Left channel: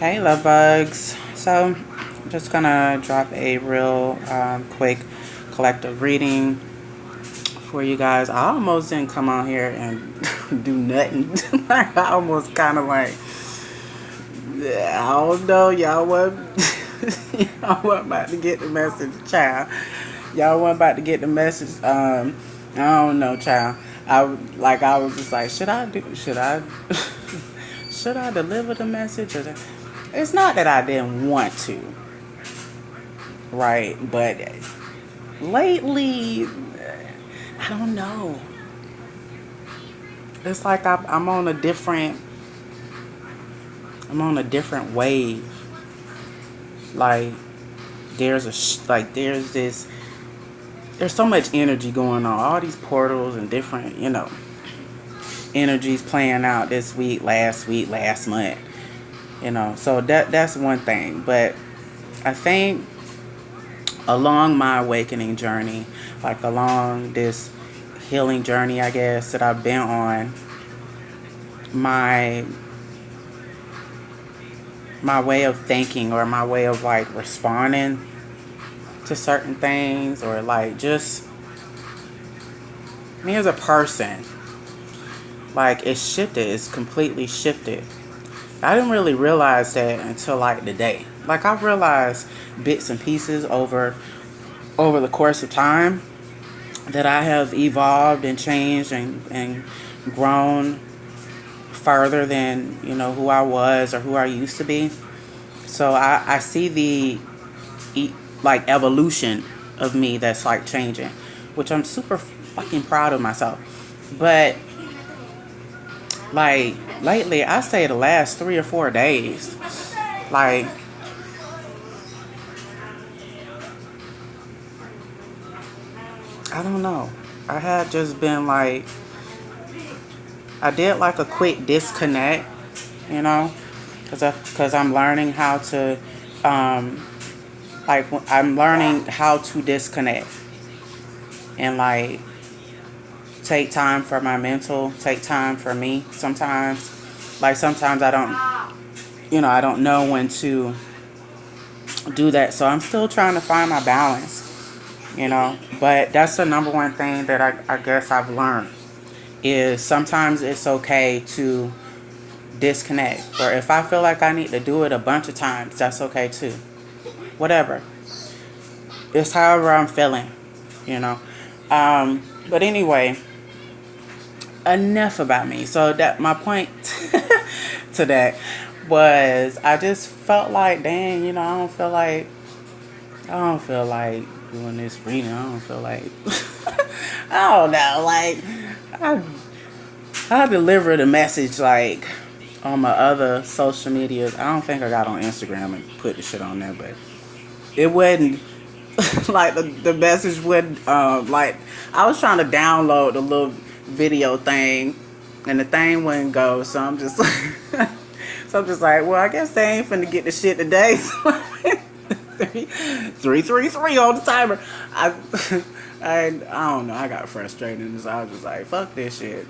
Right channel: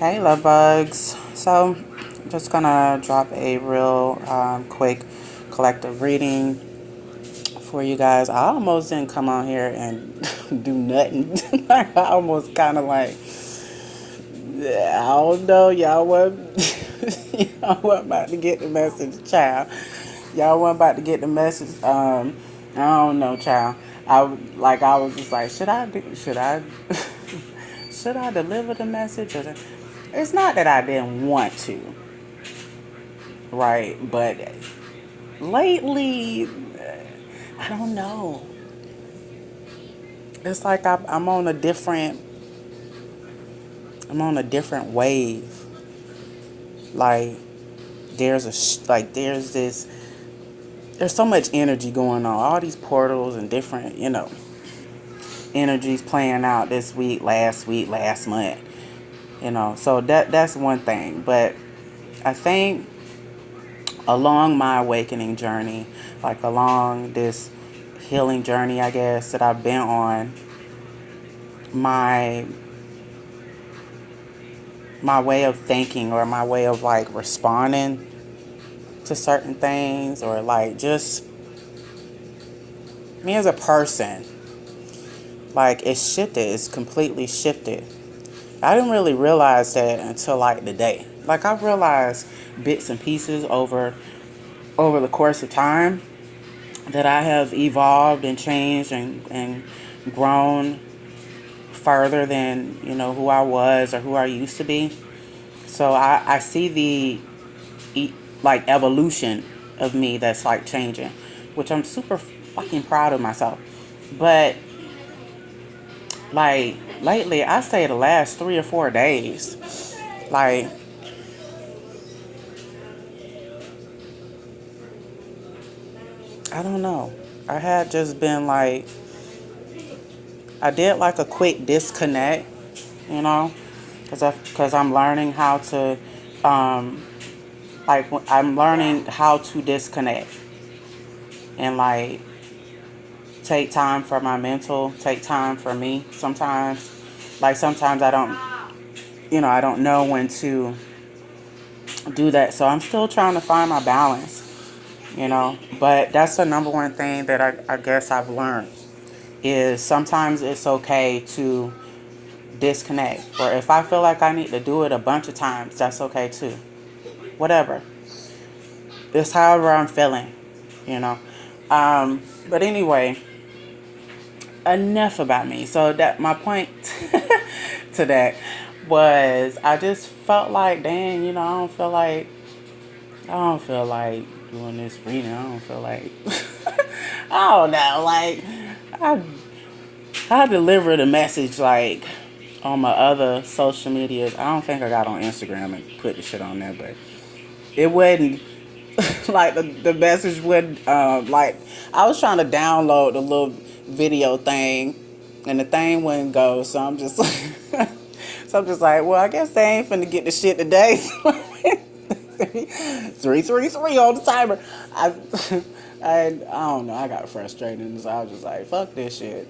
Hey, love bugs. So, I'm just gonna drop a real quick collective reading for you guys. I almost didn't come on here and do nothing. I almost kind of like, I don't know, y'all what, y'all wasn't about to get the message, child. Y'all wasn't about to get the message. I don't know, child. I was just like, should I deliver the message? It's not that I didn't want to, right? But lately, I don't know. It's like I'm on a different wave. Like there's so much energy going on. All these portals and different, energies playing out this week, last month. So that's one thing. But I think along my awakening journey, like along this healing journey, I guess, that I've been on, my my way of thinking or my way of like responding to certain things, or like just me as a person, like it's completely shifted. I didn't really realize that until like today. Like I realized bits and pieces over the course of time that I have evolved and changed and grown further than, who I was or who I used to be. So I see like evolution of me that's like changing, which I'm super fucking proud of myself. But like lately, I say the last 3 or 4 days, like I don't know. I had just been like, I did like a quick disconnect, you know, because I'm learning how to, I'm learning how to disconnect and like take time for my mental, take time for me. Sometimes I don't know when to do that. So I'm still trying to find my balance. But that's the number one thing that I guess I've learned is sometimes it's okay to disconnect. Or if I feel like I need to do it a bunch of times, that's okay too. Whatever. It's however I'm feeling, you know. But anyway, enough about me. So that my point to that was I just felt like, dang, I don't feel like doing this reading. I don't feel like I don't know, like I I delivered a message like on my other social media. I don't think I got on Instagram and put the shit on there, but it wasn't like the message would like I was trying to download the little video thing and the thing wouldn't go, so I'm just like well, I guess they ain't finna get the shit today. 333 on the timer. I don't know. I got frustrated, and so I was just like, "Fuck this shit."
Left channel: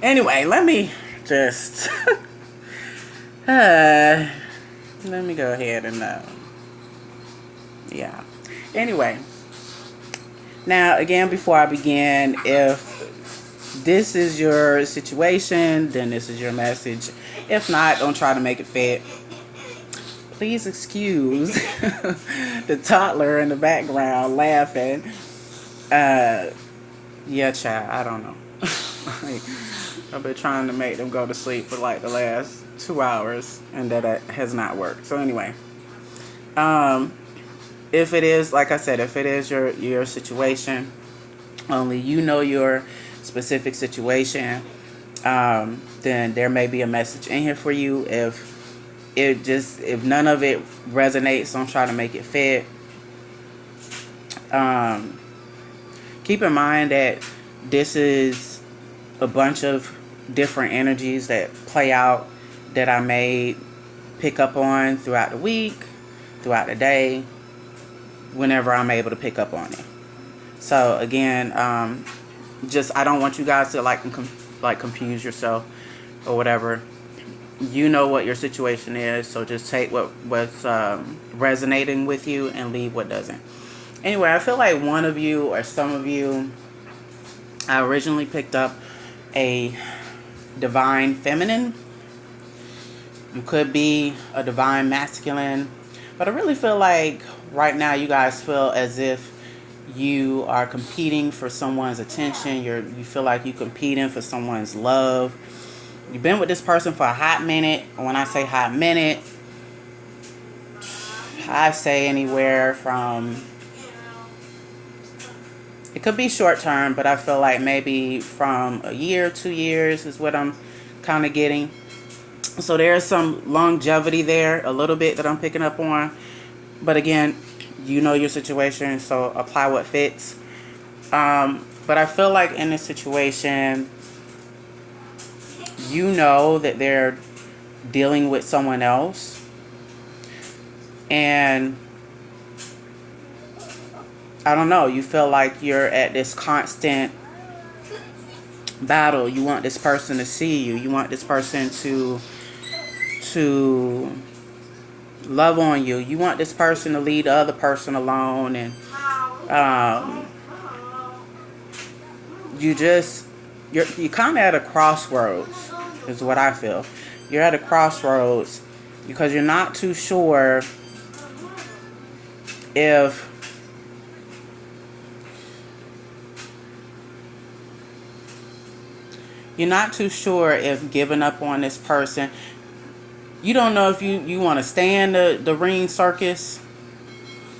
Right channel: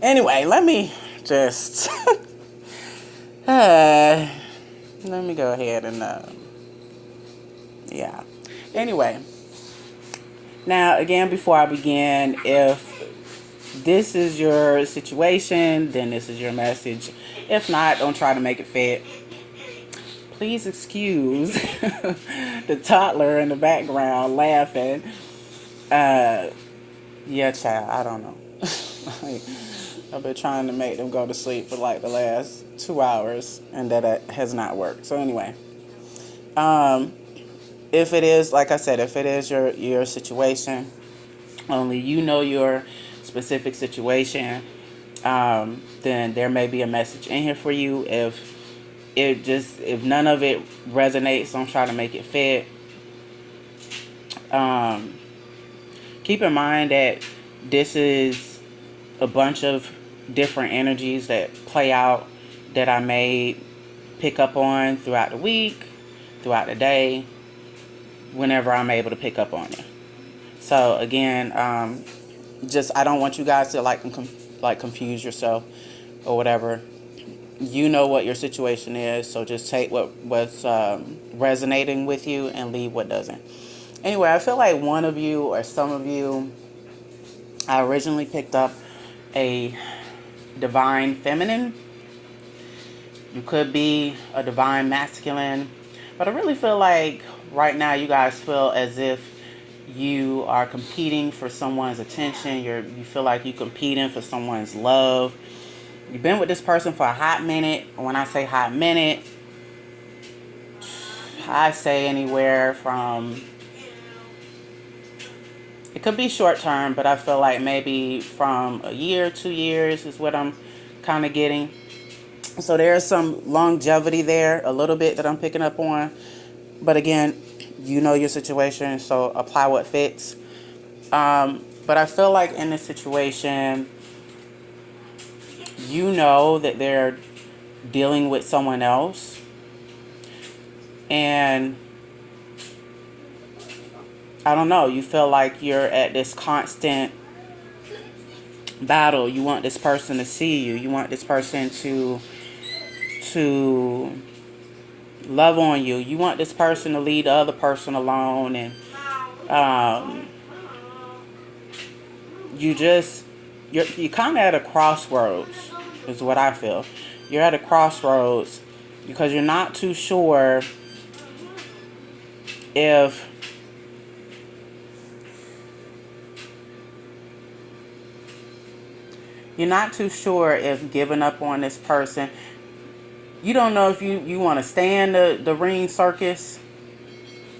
anyway, let me just let me go ahead and yeah. Anyway, now again, before I begin, if this is your situation, then this is your message. If not, don't try to make it fit. Please excuse the toddler in the background laughing. Yeah, child, I don't know. Like, I've been trying to make them go to sleep for like the last 2 hours, and that has not worked. So anyway, if it is, like I said, if it is your situation, only you know your specific situation, then there may be a message in here for you. If none of it resonates, don't try to make it fit. Keep in mind that this is a bunch of different energies that play out that I may pick up on throughout the week, throughout the day, whenever I'm able to pick up on it. So again, I don't want you guys to like confuse yourself or whatever. you know what your situation is, so just take what's resonating with you and leave what doesn't. Anyway, I feel like one of you or some of you, I originally picked up a divine feminine. You could be a divine masculine, but I really feel like right now you guys feel as if you are competing for someone's attention. You feel like you're competing for someone's love. You've been with this person for a hot minute. When I say hot minute, I say anywhere from, it could be short term, but I feel like maybe from a year, 2 years is what I'm kind of getting. So there's some longevity there, a little bit that I'm picking up on. But again, you know your situation, so apply what fits. But I feel like in this situation, you know that they're dealing with someone else. And I don't know, you feel like you're at this constant battle. You want this person to see you. You want this person to love on you. You want this person to leave the other person alone. And you're kind of at a crossroads is what I feel. You're at a crossroads because you're not too sure if giving up on this person. You don't know if you want to stay in the ring circus,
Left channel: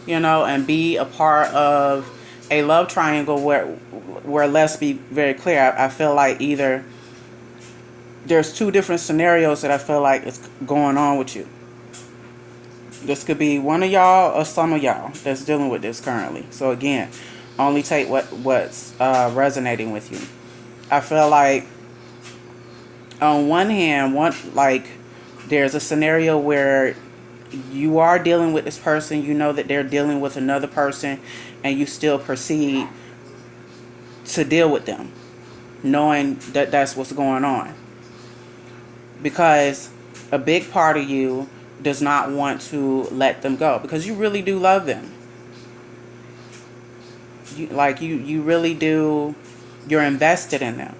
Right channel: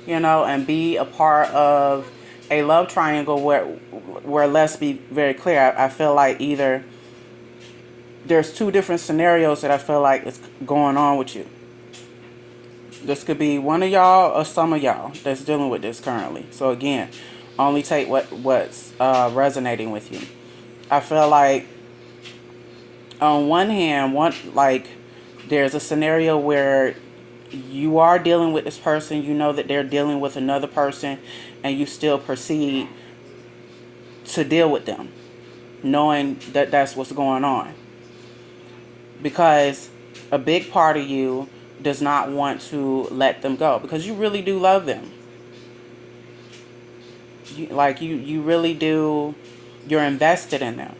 and be a part of a love triangle where let's be very clear, I feel like either there's two different scenarios that I feel like is going on with you. This could be one of y'all or some of y'all that's dealing with this currently. So again, only take what's resonating with you. I feel like on one hand, there's a scenario where you are dealing with this person, you know that they're dealing with another person, and you still proceed to deal with them, knowing that that's what's going on. Because a big part of you does not want to let them go, because you really do love them. You really do. You're invested in them.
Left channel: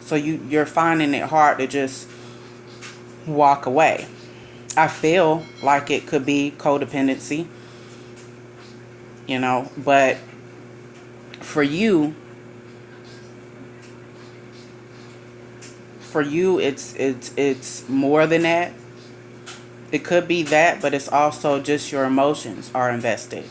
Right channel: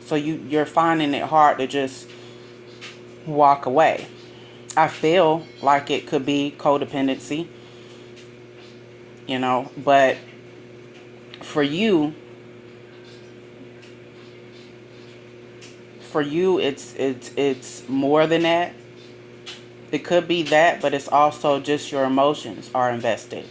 So you're finding it hard to just walk away. I feel like it could be codependency, but for you it's more than that. It could be that, but it's also just your emotions are invested.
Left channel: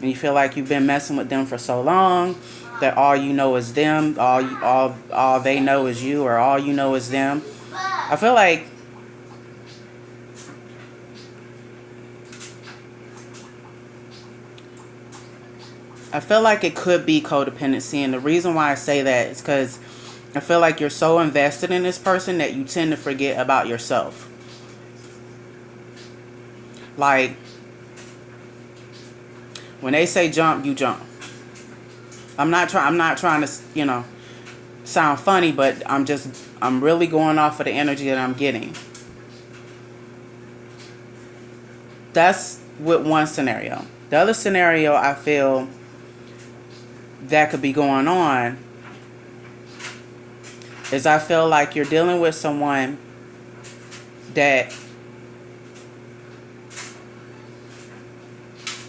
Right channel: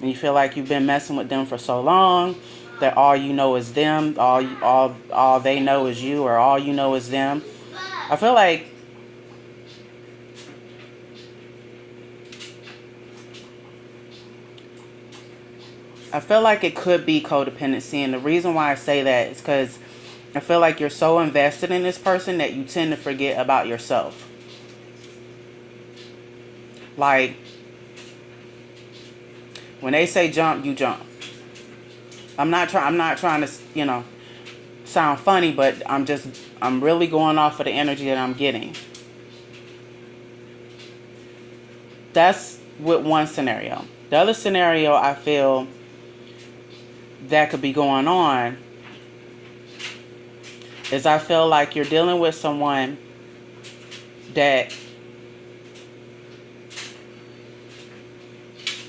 And you feel like you've been messing with them for so long that all you know is them, all they know is you, or all you know is them. I feel like it could be codependency, and the reason why I say that is because I feel like you're so invested in this person that you tend to forget about yourself. Like, when they say jump, you jump. I'm not trying to, sound funny, but I'm really going off of the energy that I'm getting. That's with one scenario. The other scenario I feel that could be going on is I feel like you're dealing with someone that,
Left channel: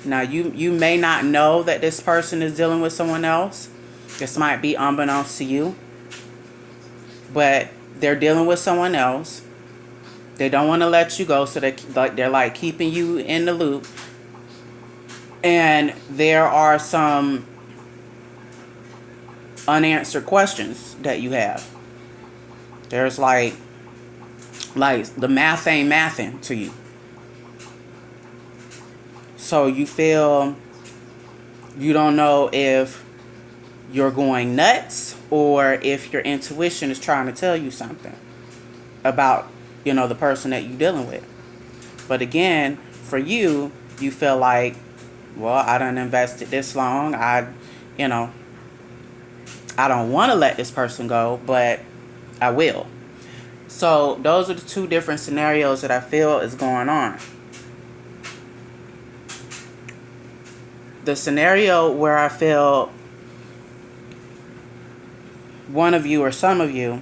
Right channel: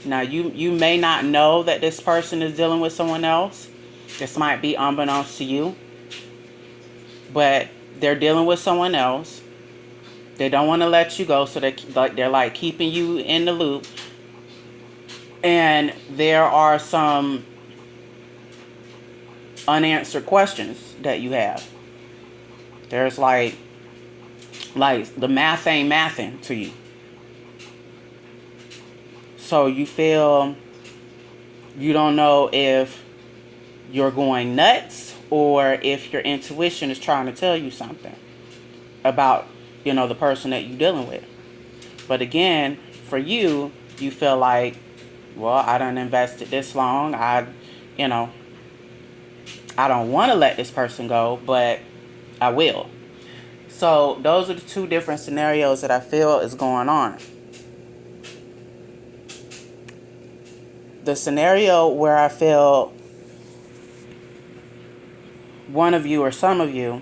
now you may not know that this person is dealing with someone else. This might be unbeknownst to you, but they're dealing with someone else. They don't want to let you go, so they're like keeping you in the loop. And there are some unanswered questions that you have. There's like the math ain't mathing to you. So you feel you don't know if you're going nuts or if your intuition is trying to tell you something about, the person that you're dealing with. But again, for you, you feel like, well, I done invested this long. I don't want to let this person go, but I will. So those are the two different scenarios that I feel is going on. The scenario where I feel one of you or some of you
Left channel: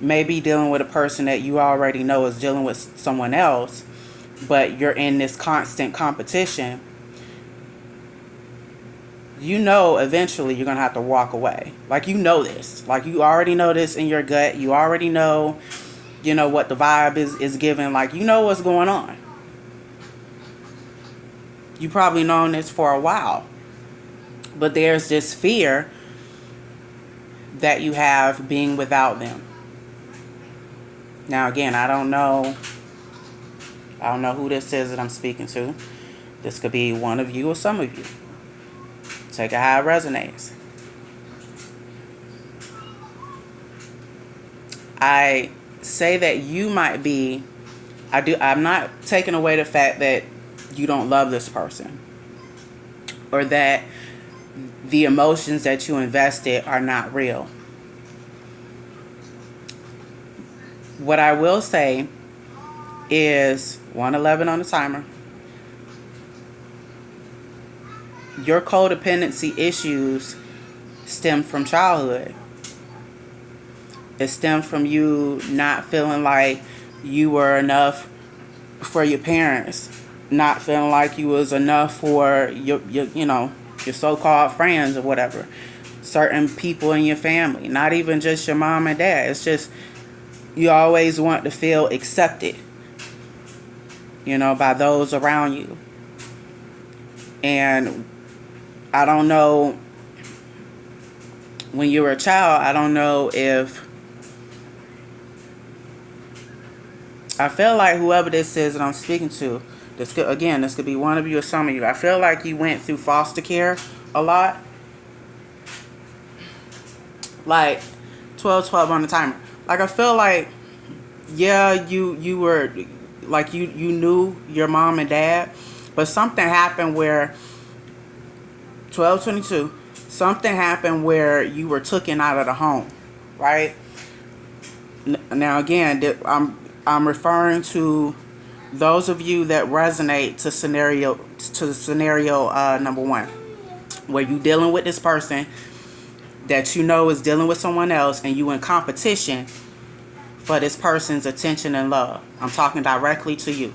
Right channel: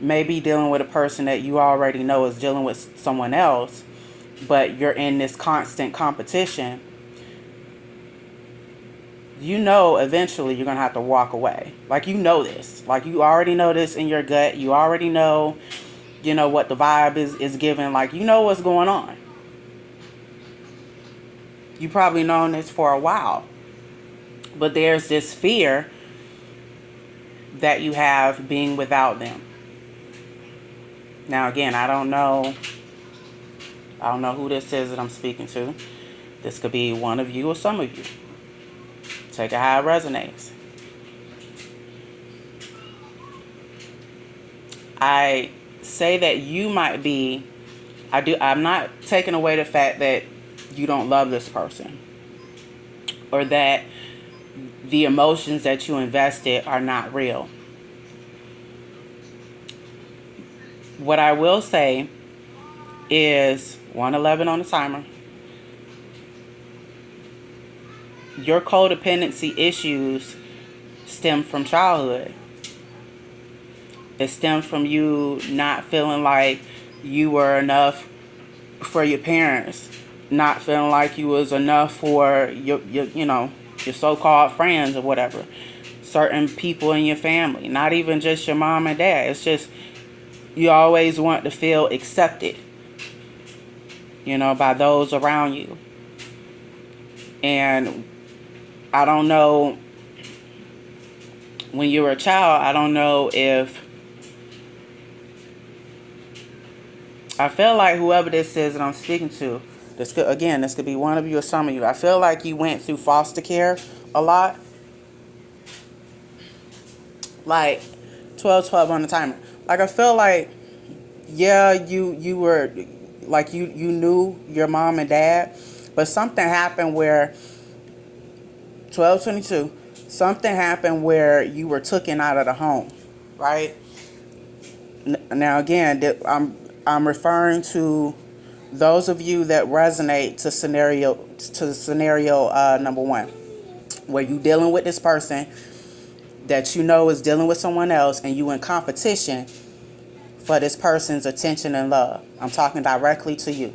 may be dealing with a person that you already know is dealing with someone else, but you're in this constant competition. You know eventually you're going to have to walk away. Like, you know this. Like, you already know this in your gut. You already know, what the vibe is giving. Like, you know what's going on. You probably known this for a while. But there's this fear that you have being without them. Now, again, I don't know who this is that I'm speaking to. This could be one of you or some of you. Take it how it resonates. I say that you might be, I'm not taking away the fact that you don't love this person, or that the emotions that you invested are not real. What I will say is 111 on the timer. Your codependency issues stem from childhood. It stems from you not feeling like you were enough for your parents, not feeling like you was enough for your so-called friends or whatever, certain people in your family, not even just your mom and dad. It's just you always want to feel accepted, by those around you. And I don't know, when you were a child, I don't know if, I feel like whoever this is that I'm speaking to, this could be one of you or some of you. I feel like you went through foster care a lot. Like 12 on the timer. Like, I feel like, yeah, you were, like, you knew your mom and dad, but something happened where 12:22, something happened where you were taken out of the home, right? Now, again, I'm referring to those of you that resonate to scenario number one, where you dealing with this person that you know is dealing with someone else, and you in competition for this person's attention and love. I'm talking directly to you.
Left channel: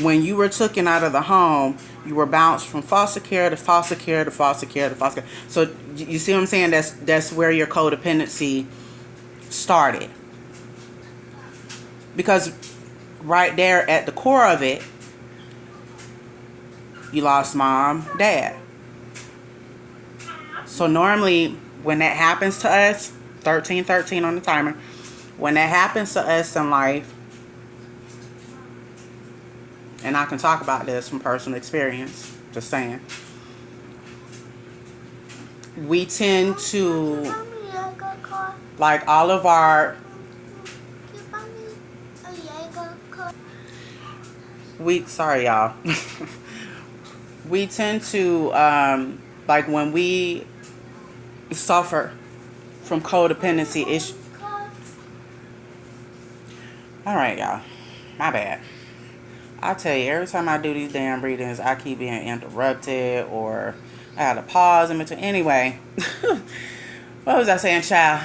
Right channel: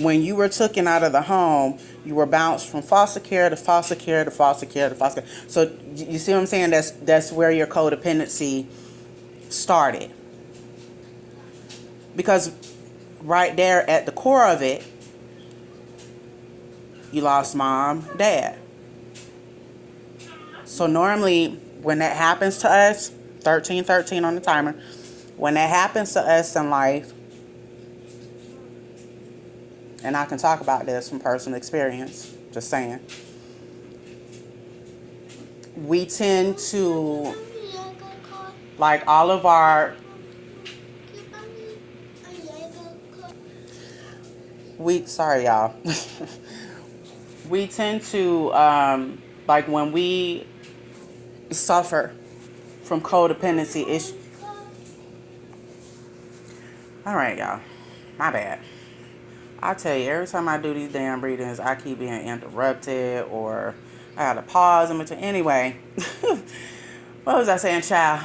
When you were taken out of the home, you were bounced from foster care to foster care to foster care to foster care. So you see what I'm saying? That's where your codependency started. Because right there at the core of it, you lost mom, dad. So normally when that happens to us, 13 on the timer, when that happens to us in life, and I can talk about this from personal experience, just saying, we tend to, like, all of our, sorry y'all, we tend to, like, when we suffer from codependency issues. Alright, y'all, my bad. I tell you, every time I do these damn readings, I keep being interrupted, or I gotta pause in between. Anyway, what was I saying, child?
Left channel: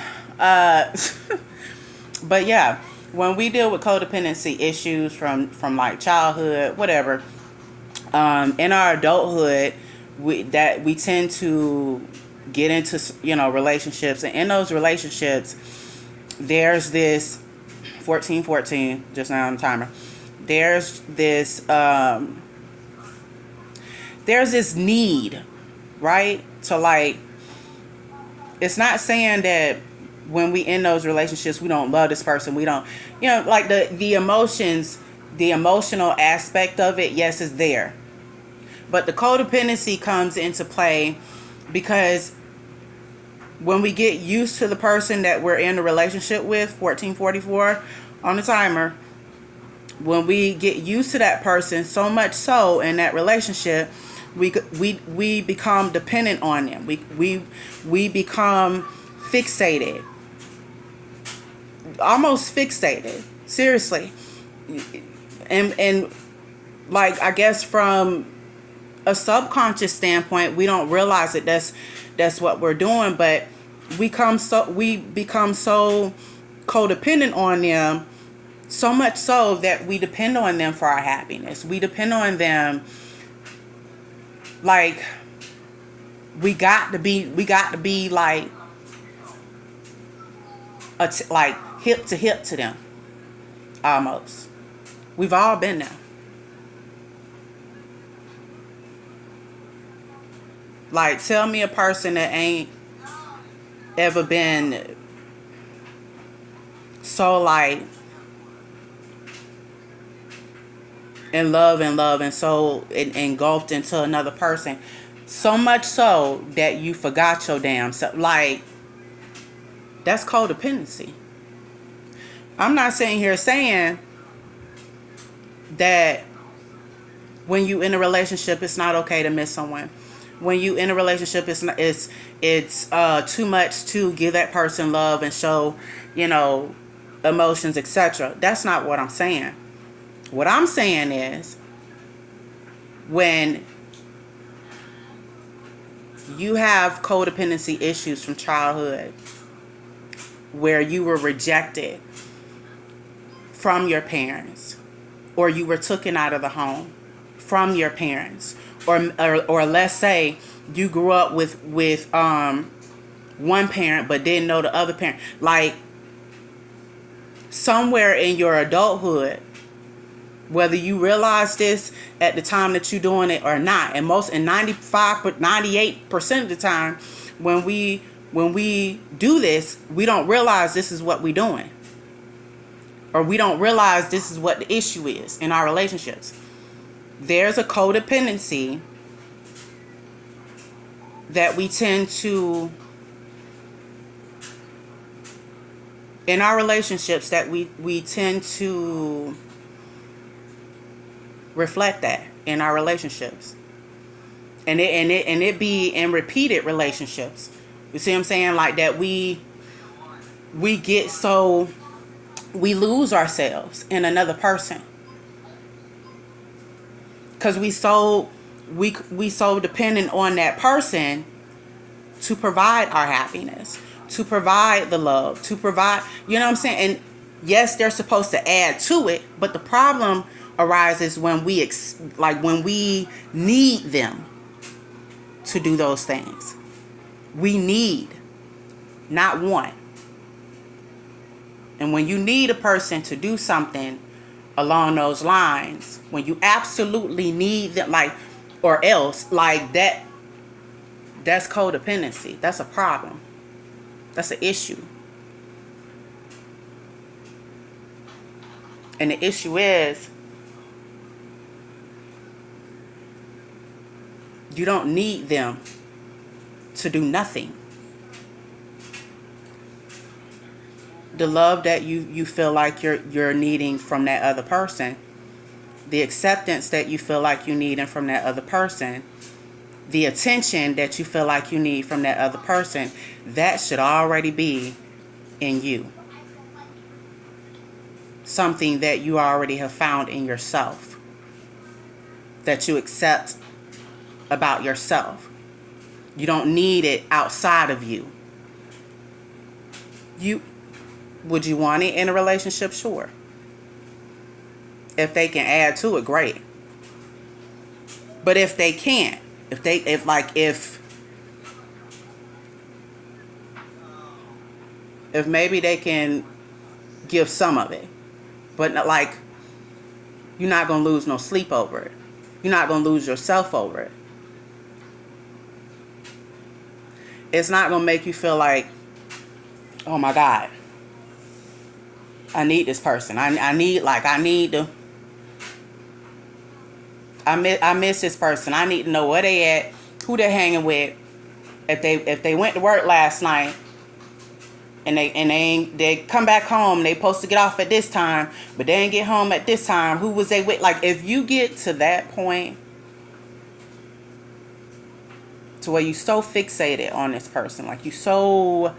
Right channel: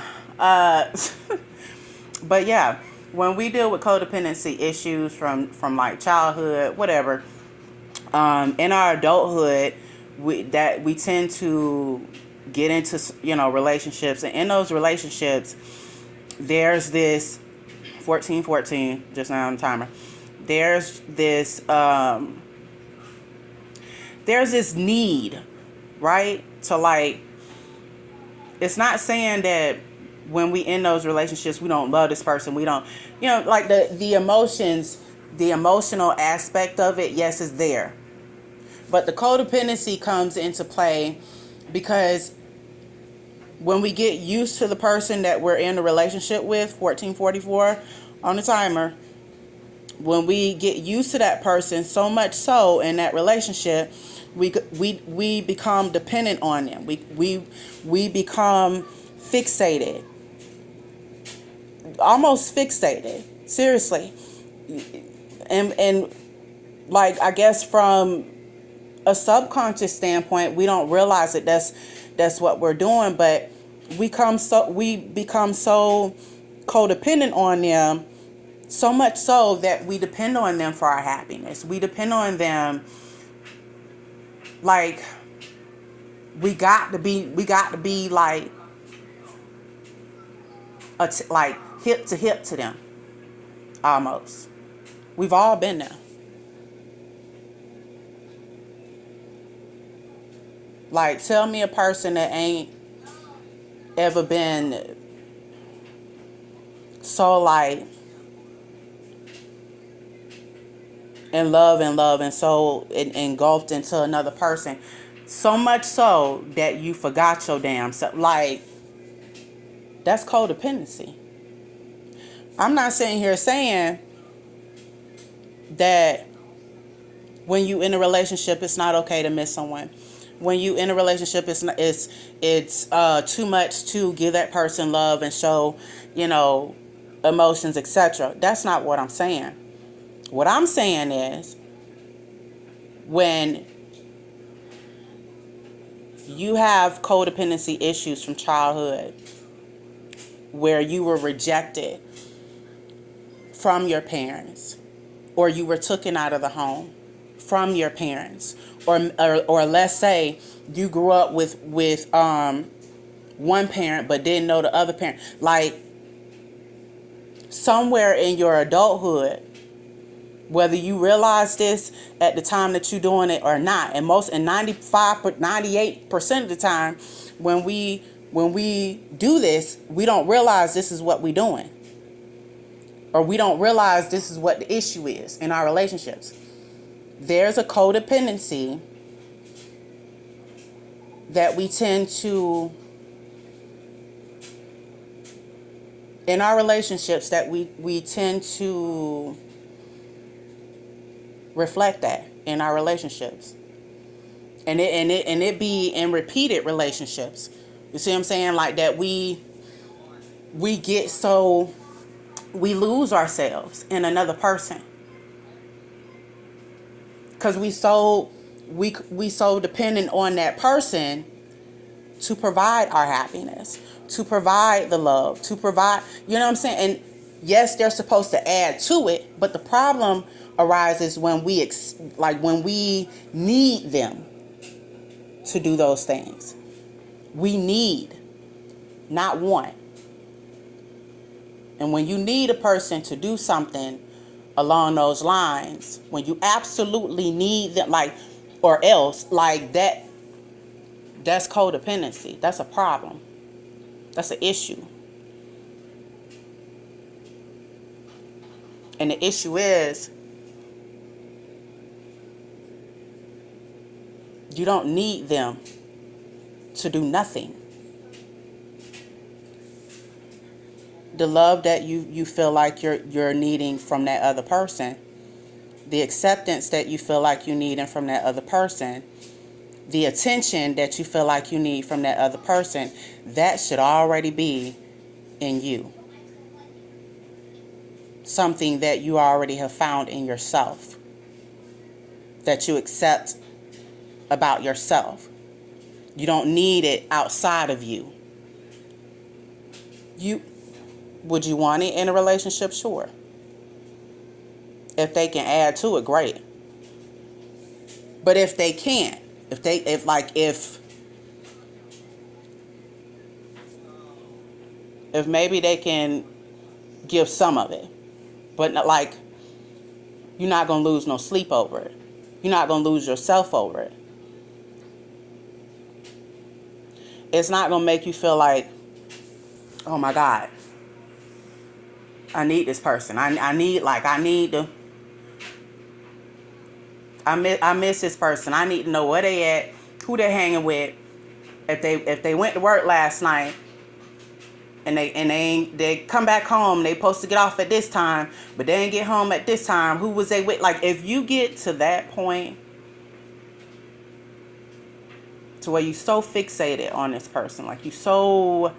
But yeah, when we deal with codependency issues from like childhood, whatever, in our adulthood, we tend to get into relationships, and in those relationships, there's this 14, just now on the timer. There's this need, right? To, like, it's not saying that when we in those relationships we don't love this person, we don't, like, the emotions, the emotional aspect of it, yes, is there. But the codependency comes into play because when we get used to the person that we're in a relationship with, 1444 on the timer, when we get used to that person so much so in that relationship, we become dependent on them. We become fixated. almost fixated. Seriously. And like, I guess from a subconscious standpoint, we don't realize that that's what we're doing, but we become so codependent on them, so much so that we depend on them for our happiness. We depend on them, like, we got to be like like hip to hip to them, almost. We've all been there. Like, tell me a person that ain't ever been so, like, in love and so engulfed into another person, so much so that you forgot your damn self. Like, that's codependency. I'm not sitting here saying that when you in a relationship, it's not okay to miss someone. When you in a relationship, it's too much to give that person love and show, emotions, etc. That's not what I'm saying. What I'm saying is, when you have codependency issues from childhood, where you were rejected from your parents, or you were taken out of the home from your parents, or let's say you grew up with one parent but didn't know the other parent, like, somewhere in your adulthood, whether you realize this at the time that you're doing it or not, and 98% of the time, when we do this, we don't realize this is what we're doing, or we don't realize this is what the issue is in our relationships. There's a codependency that we tend to, in our relationships, that we tend to reflect that in our relationships, and it be in repeated relationships. You see what I'm saying? Like, that we get so, we lose ourselves in another person, because we so dependent on that person to provide our happiness, to provide the love, to provide, you know what I'm saying? And yes, they're supposed to add to it, but the problem arises when when we need them to do those things. We need, not want. And when you need a person to do something along those lines, when you absolutely need them, like, or else, like, that's codependency. That's a problem. That's an issue. And the issue is, you don't need them to do nothing. The love that you feel like you're needing from that other person, the acceptance that you feel like you need from that other person, the attention that you feel like you need from that other person, that should already be in you. Something that you already have found in yourself, that you accept about yourself. You don't need it outside of you. Would you want it in a relationship? Sure. If they can add to it, great. But if they can't, if maybe they can give some of it, but not, like, you're not gonna lose no sleep over it. You're not gonna lose yourself over it. It's not gonna make you feel like, oh my God, I need this person. I miss this person. I need to know where they at, who they're hanging with. If they went to work last night and they come back home, they supposed to get off at this time, but they didn't get home at this time. Who was they with? Like, if you get to that point, to where you so fixated on this person, like you so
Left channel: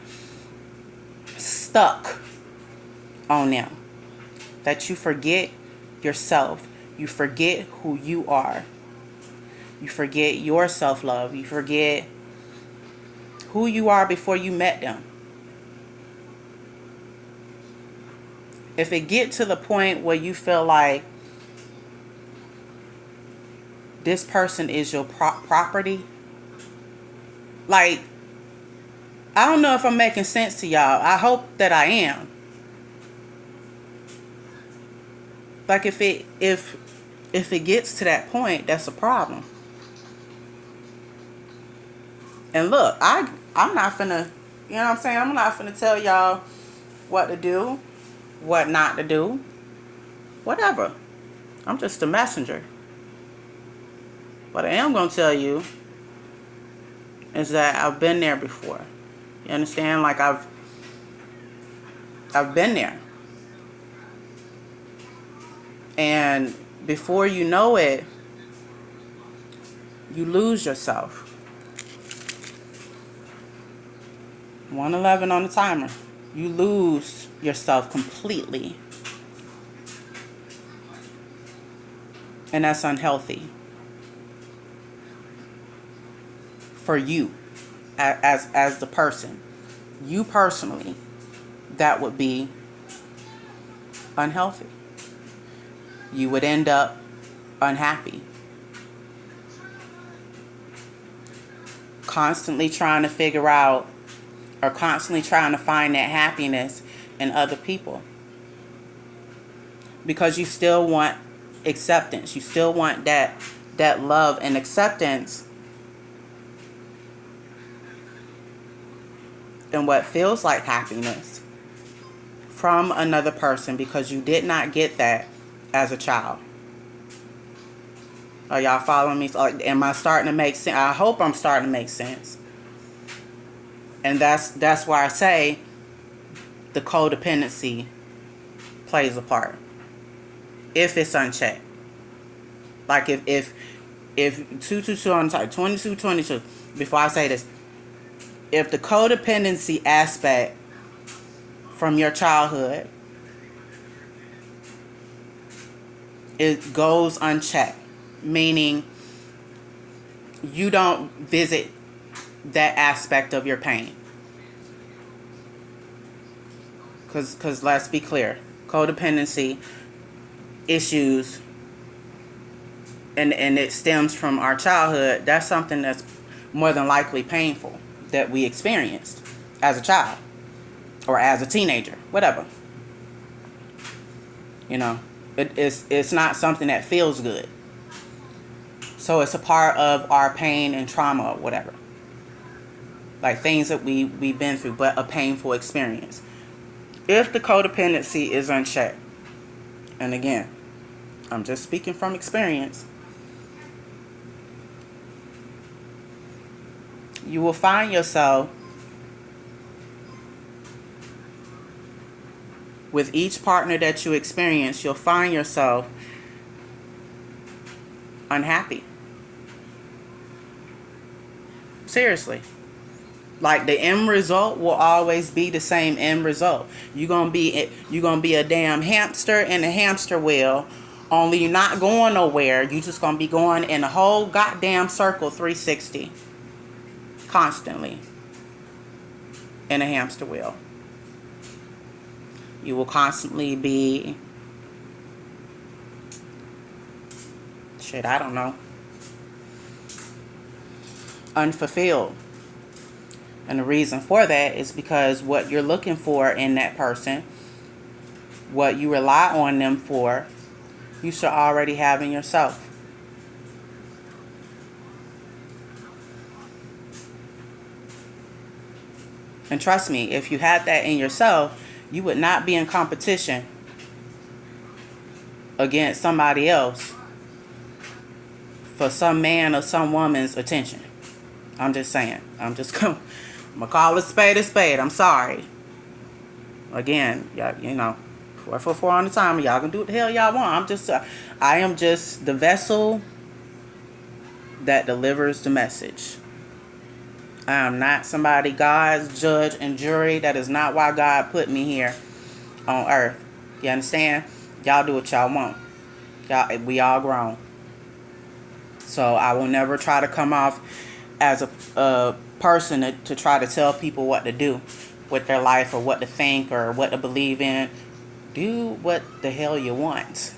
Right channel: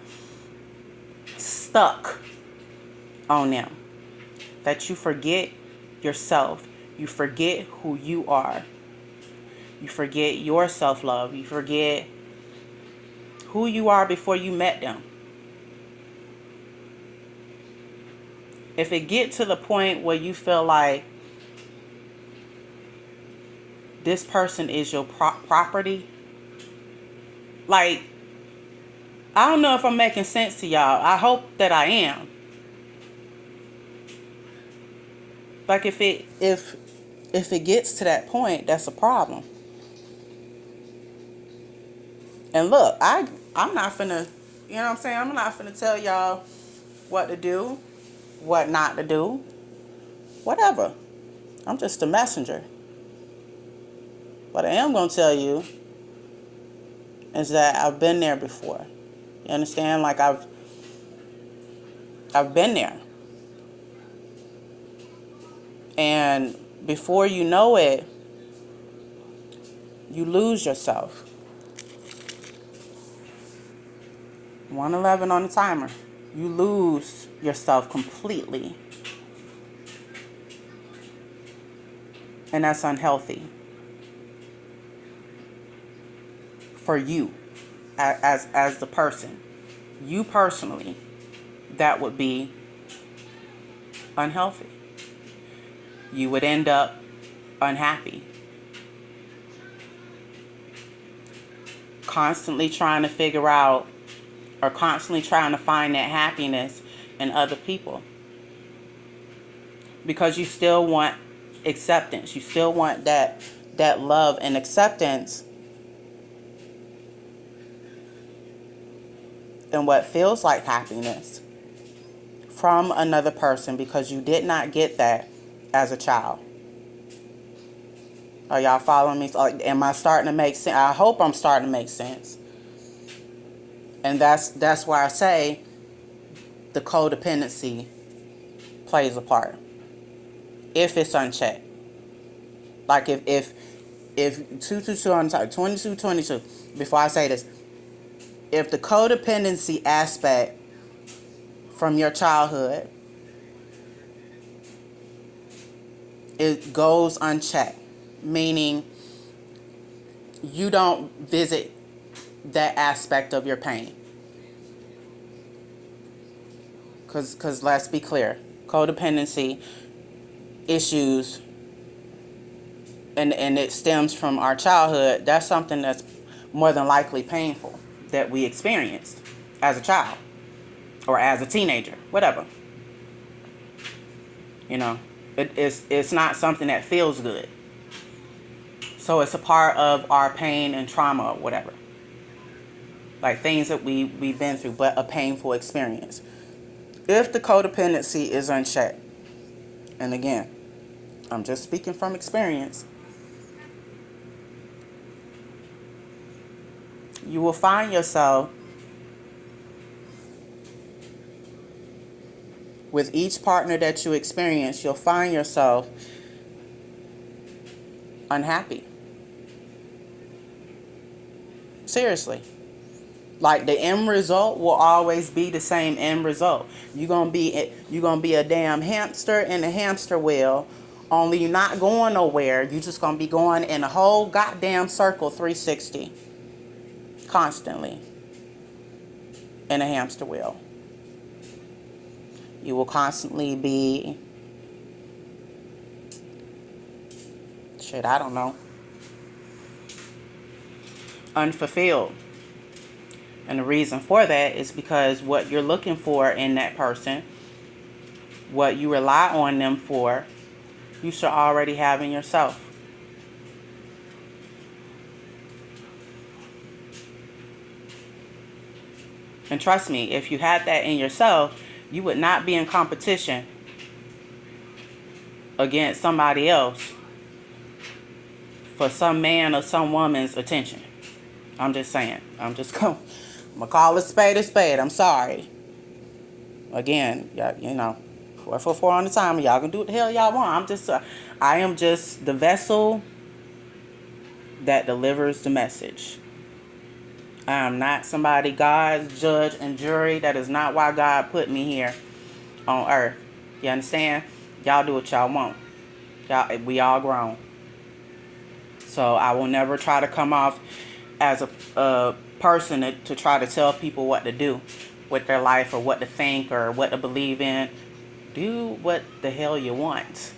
stuck on them. That you forget yourself. You forget who you are. You forget your self-love. You forget who you are before you met them. If it get to the point where you feel like this person is your property, like, I don't know if I'm making sense to y'all. I hope that I am. Like, if it gets to that point, that's a problem. And look, I'm not finna, you know what I'm saying? I'm not finna tell y'all what to do, what not to do, whatever. I'm just a messenger. What I am gonna tell you is that I've been there before. You understand? Like, I've been there. And before you know it, you lose yourself. 111 on the timer. You lose yourself completely. And that's unhealthy. For you, as the person. You personally, that would be unhealthy. You would end up unhappy. Constantly trying to figure out, or constantly trying to find that happiness in other people. Because you still want acceptance. You still want that love and acceptance. And what feels like happiness from another person, because you did not get that as a child. Are y'all following me? Am I starting to make sense? I hope I'm starting to make sense. And that's why I say the codependency plays a part. If it's unchecked. Like, if 222 on the side, 22, before I say this, if the codependency aspect from your childhood, it goes unchecked, meaning you don't visit that aspect of your pain. Because let's be clear, codependency issues, and it stems from our childhood, that's something that's more than likely painful that we experienced as a child or as a teenager, whatever. You know, it's not something that feels good. So it's a part of our pain and trauma or whatever. Like, things that we've been through, but a painful experience. If the codependency is unchecked, and again, I'm just speaking from experience, you will find yourself with each partner that you experience, you'll find yourself unhappy. Seriously. Like, the end result will always be the same end result. You're gonna be a damn hamster in a hamster wheel, only you're not going nowhere. You're just gonna be going in a whole goddamn circle 360. Constantly. In a hamster wheel. You will constantly be, I don't know, unfulfilled. And the reason for that is because what you're looking for in that person, what you rely on them for, you should already have in yourself. And trust me, if you had that in yourself, you would not be in competition against somebody else for some man or some woman's attention. I'm just saying. I'm going to call a spade. I'm sorry. Again, you know, 444 on the timer. Y'all can do what the hell y'all want. I am just the vessel that delivers the message. I am not somebody, God's judge and jury. That is not why God put me here. on earth. You understand? Y'all do what y'all want. We all grown. So I will never try to come off as a person to try to tell people what to do with their life, or what to think, or what to believe in. Do what the hell you want.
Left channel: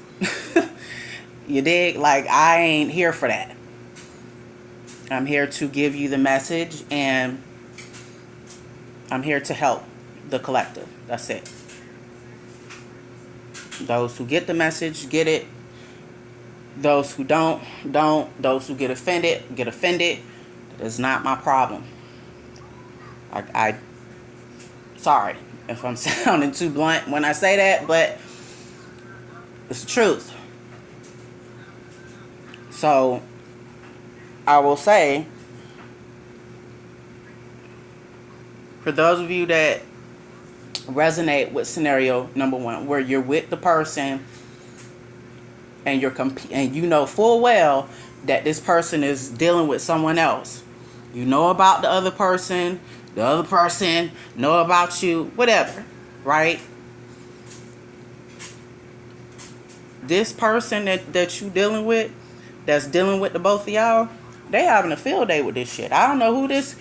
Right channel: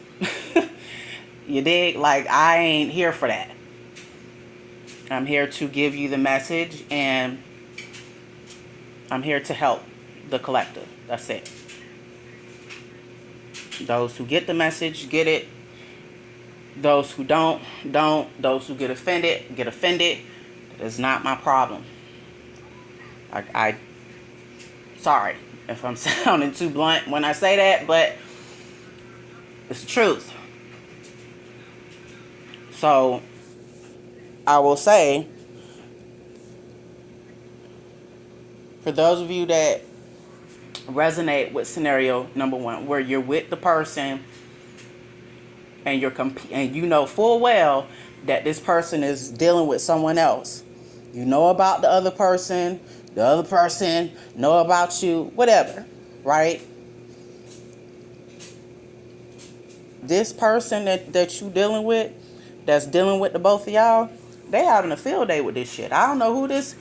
You dig? Like, I ain't here for that. I'm here to give you the message, and I'm here to help the collective. That's it. Those who get the message, get it. Those who don't. Those who get offended, get offended. It's not my problem. I sorry if I'm sounding too blunt when I say that, but it's the truth. So I will say, for those of you that resonate with scenario number 1, where you're with the person and and you know full well that this person is dealing with someone else. You know about the other person know about you, whatever, right? This person that you dealing with, that's dealing with the both of y'all, they having a field day with this shit. I don't know who this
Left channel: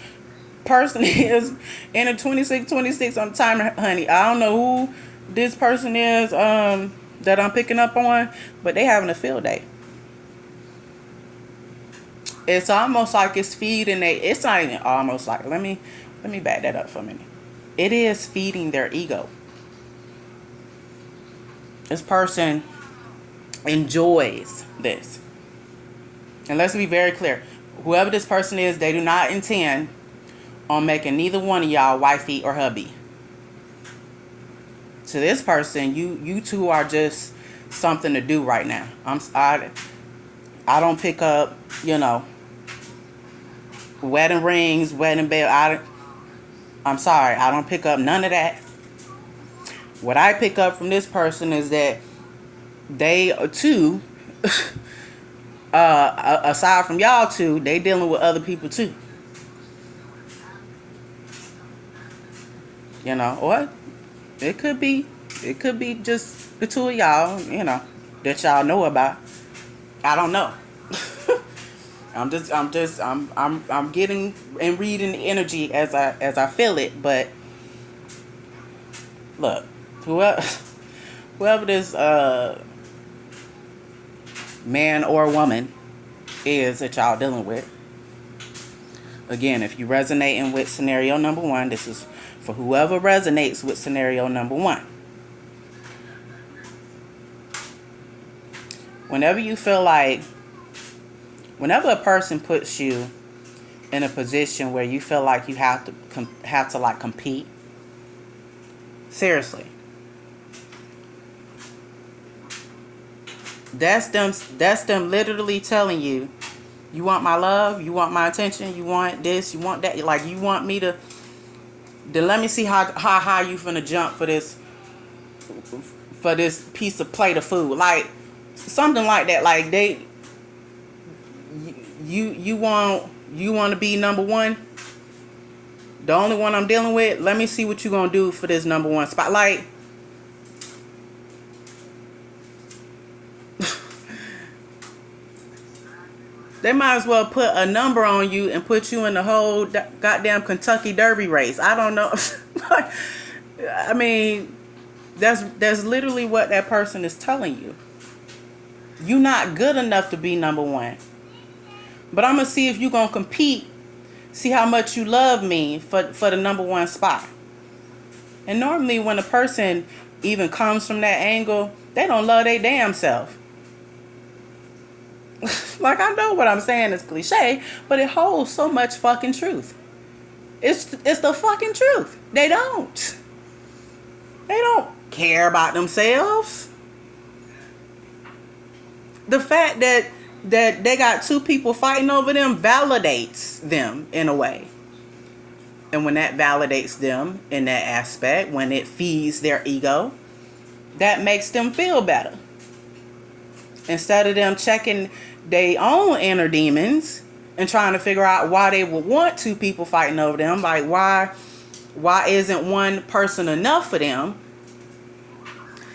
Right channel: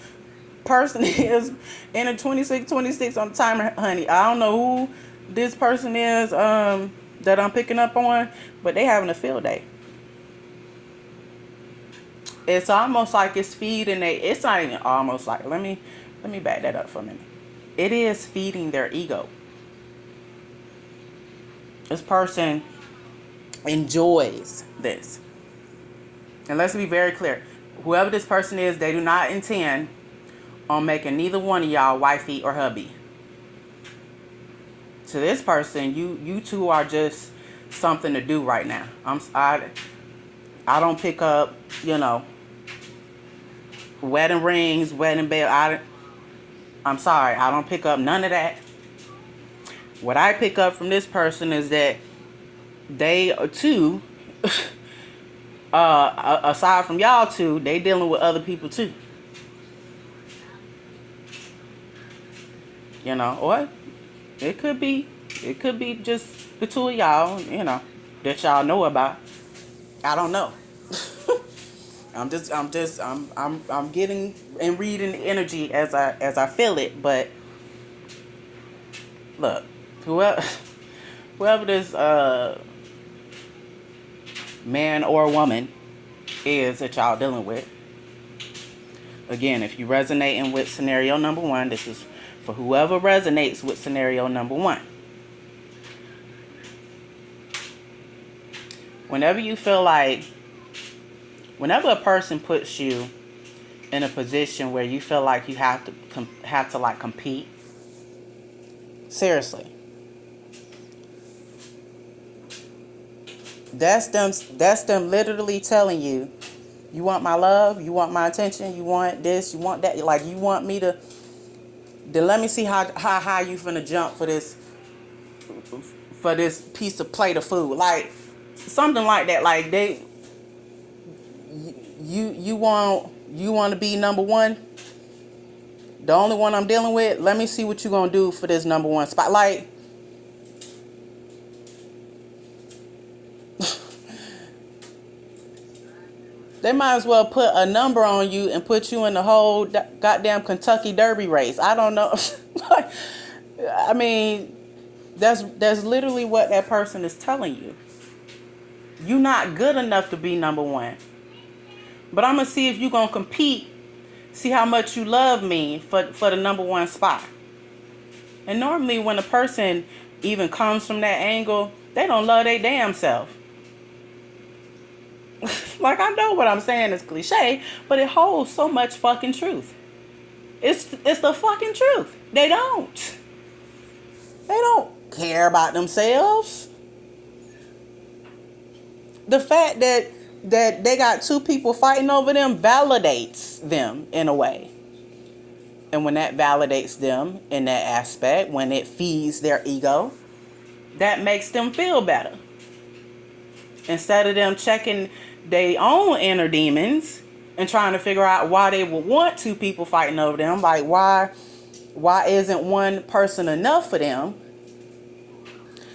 person is in a 26 on the timer, honey. I don't know who this person is that I'm picking up on, but they having a field day. It's almost like it's feeding it's not even almost like, let me back that up for a minute. It is feeding their ego. This person enjoys this. And let's be very clear. Whoever this person is, they do not intend on making neither one of y'all wifey or hubby. To this person, you two are just something to do right now. I don't pick up, wedding rings, wedding bell. I'm sorry, I don't pick up none of that. What I pick up from this person is that they too, aside from y'all two, they dealing with other people too. Or it could be just the two of y'all, that y'all know about. I don't know. I'm getting and reading the energy as I feel it. But look, whoever this man or woman is that y'all dealing with, again, if you're resonating with scenario number 1, this is for whoever resonates with scenario number 1. Whenever you feel like, whenever a person puts you in a position where you feel like you have to like compete, seriously, that's them literally telling you, you want my love, you want my attention, you want this, you want that, like you want me to. Then let me see how high you finna jump for this piece of plate of food, like something like that. Like you want to be number 1, the only one I'm dealing with. Let me see what you gonna do for this number 1 spot. Like, they might as well put a number on you and put you in the whole goddamn Kentucky Derby race. I don't know. I mean, that's literally what that person is telling you. You're not good enough to be number 1. But I'm going to see if you're going to compete. See how much you love me for the number 1 spot. And normally when a person even comes from that angle, they don't love their damn self. Like, I know what I'm saying is cliche, but it holds so much fucking truth. It's the fucking truth. They don't care about themselves. The fact that they got 2 people fighting over them validates them in a way. And when that validates them in that aspect, when it feeds their ego, that makes them feel better. Instead of them checking their own inner demons and trying to figure out why they would want 2 people fighting over them. Like, why isn't one person enough for them?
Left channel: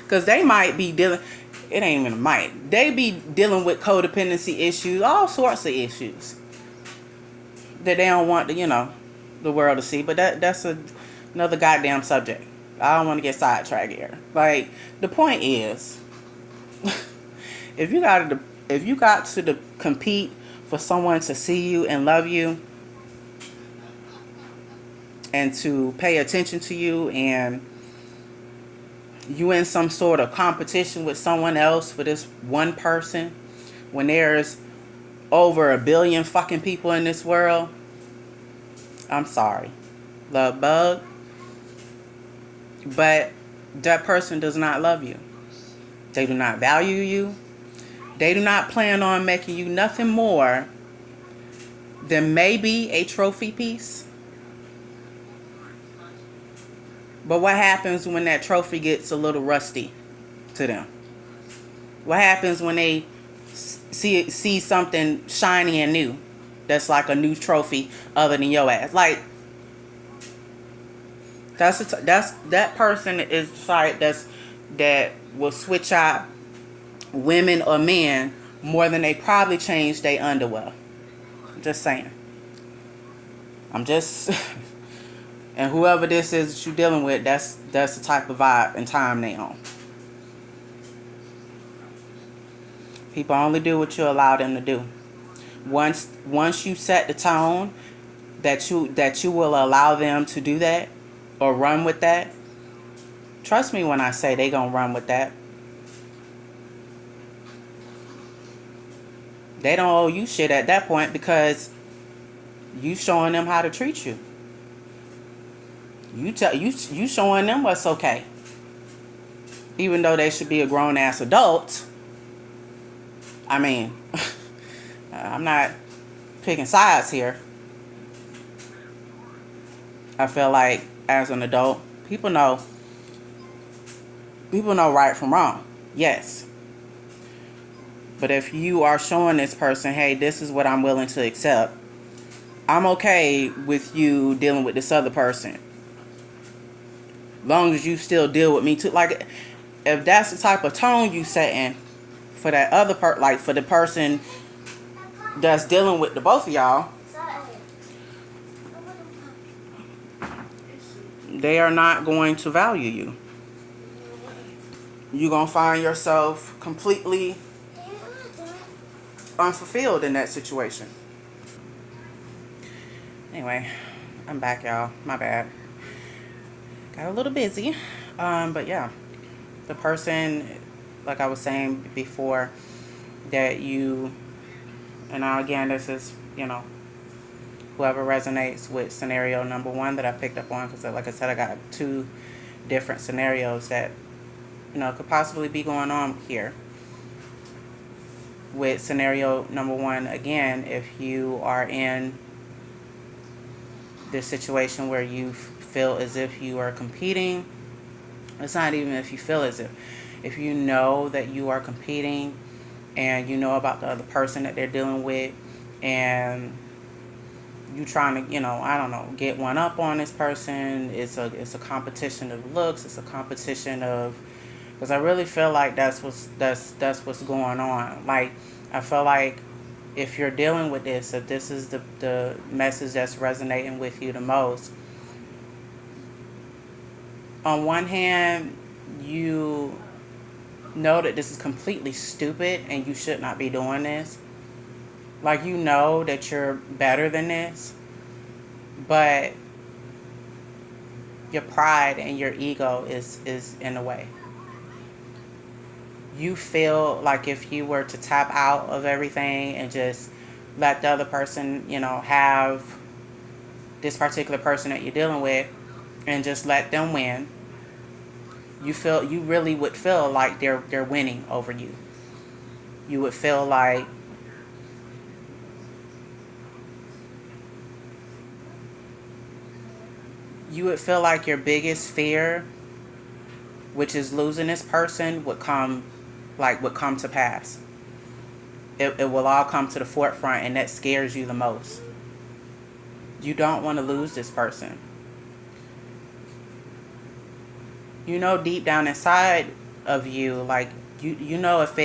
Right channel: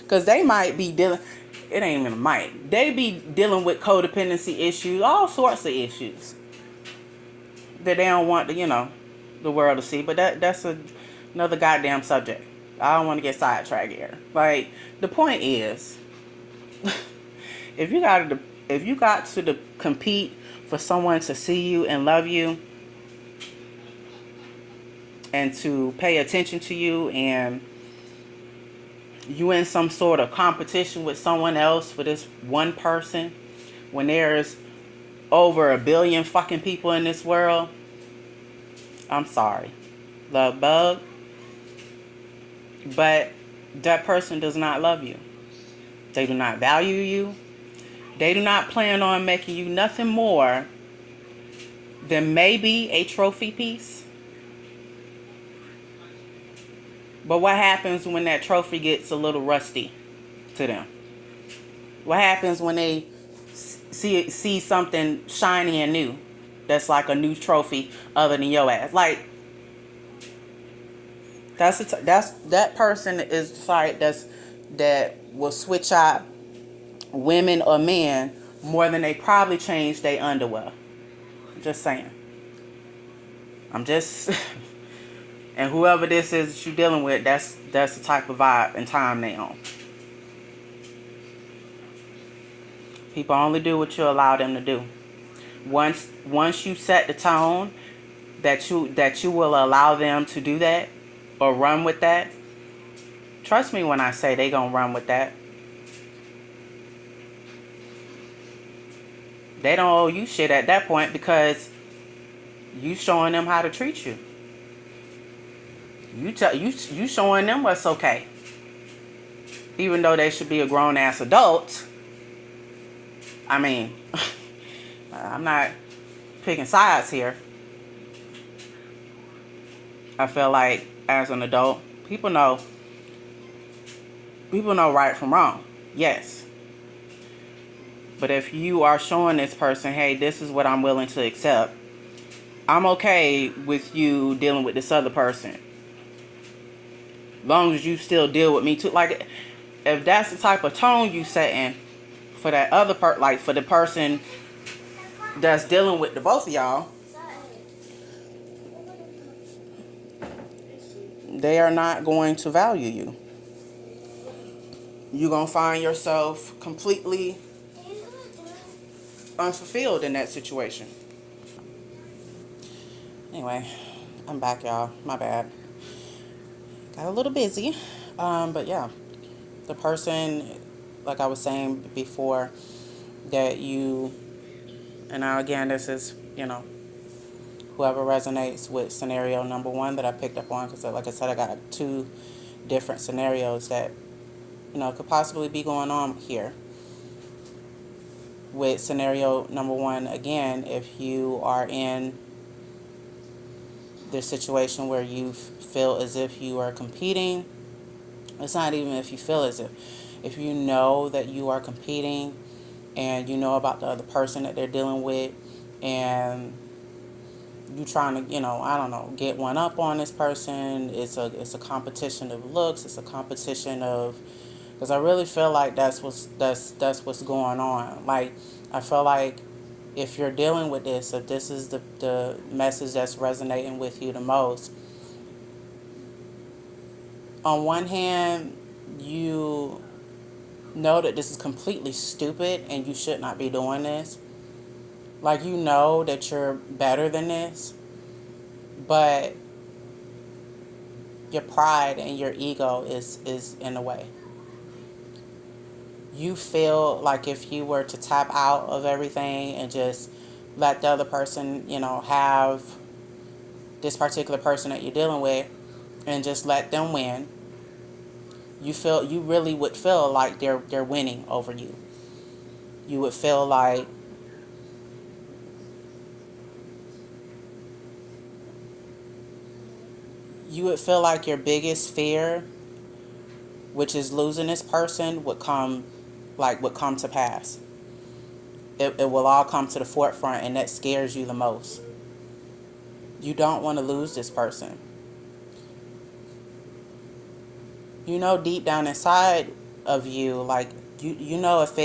Because they might be dealing, it ain't even a might. They be dealing with codependency issues, all sorts of issues that they don't want the world to see. But that's another goddamn subject. I don't want to get sidetracked here. Like, the point is, if you got to compete for someone to see you and love you and to pay attention to you, and you in some sort of competition with someone else for this one person, when there's over 1 billion fucking people in this world, I'm sorry, LUVBUG, but that person does not love you. They do not value you. They do not plan on making you nothing more than maybe a trophy piece. But what happens when that trophy gets a little rusty to them? What happens when they see something shiny and new that's like a new trophy other than your ass? Like, that person is sorry that will switch out women or men more than they probably change their underwear. Just saying. I'm just and whoever this is that you're dealing with, that's the type of vibe and time they on. People only do what you allow them to do. Once you set the tone that you will allow them to do that or run with that, trust me when I say they gonna run with that. They don't owe you shit at that point, because you showing them how to treat you. You showing them what's okay. Even though they should be a grown ass adult. I mean, I'm not picking sides here. I feel like as an adult, people know right from wrong. Yes. But if you are showing this person, hey, this is what I'm willing to accept, I'm okay with you dealing with this other person. Long as you still deal with me too. Like, if that's the type of tone you setting for that other like for the person that's dealing with the both of y'all, they are not going to value you. You're going to find yourself completely unfulfilled in that situation. Anyway, I'm back, y'all. My bad. Got a little busy. But yeah, the person, like I was saying before, that you, and now again, this is, whoever resonates with scenario number 1 that I picked up on, because like I said, I got 2 different scenarios that, could possibly be going on here. With scenario number 1, again, if you are in this situation where you feel as if you are competing, it's not even if you feel as if you know that you are competing and you know about the other person that they're dealing with, and you trying to, I don't know, get one up on this person. It's a competition of looks. It's a competition of, because I really feel like that's what's going on. Like, I feel like if you're dealing with this, if this is the message that's resonating with you the most, on one hand, you know that this is completely stupid and you should not be doing this. Like, you know that you're better than this, but your pride and your ego is in the way. You feel like if you were to tap out of everything and just let the other person, have this particular person that you're dealing with and just let them win, you really would feel like they're winning over you. You would feel like your biggest fear, which is losing this person, would come to pass. It will all come to the forefront, and that scares you the most. You don't want to lose this person. Deep down inside, of you. Like, you know, if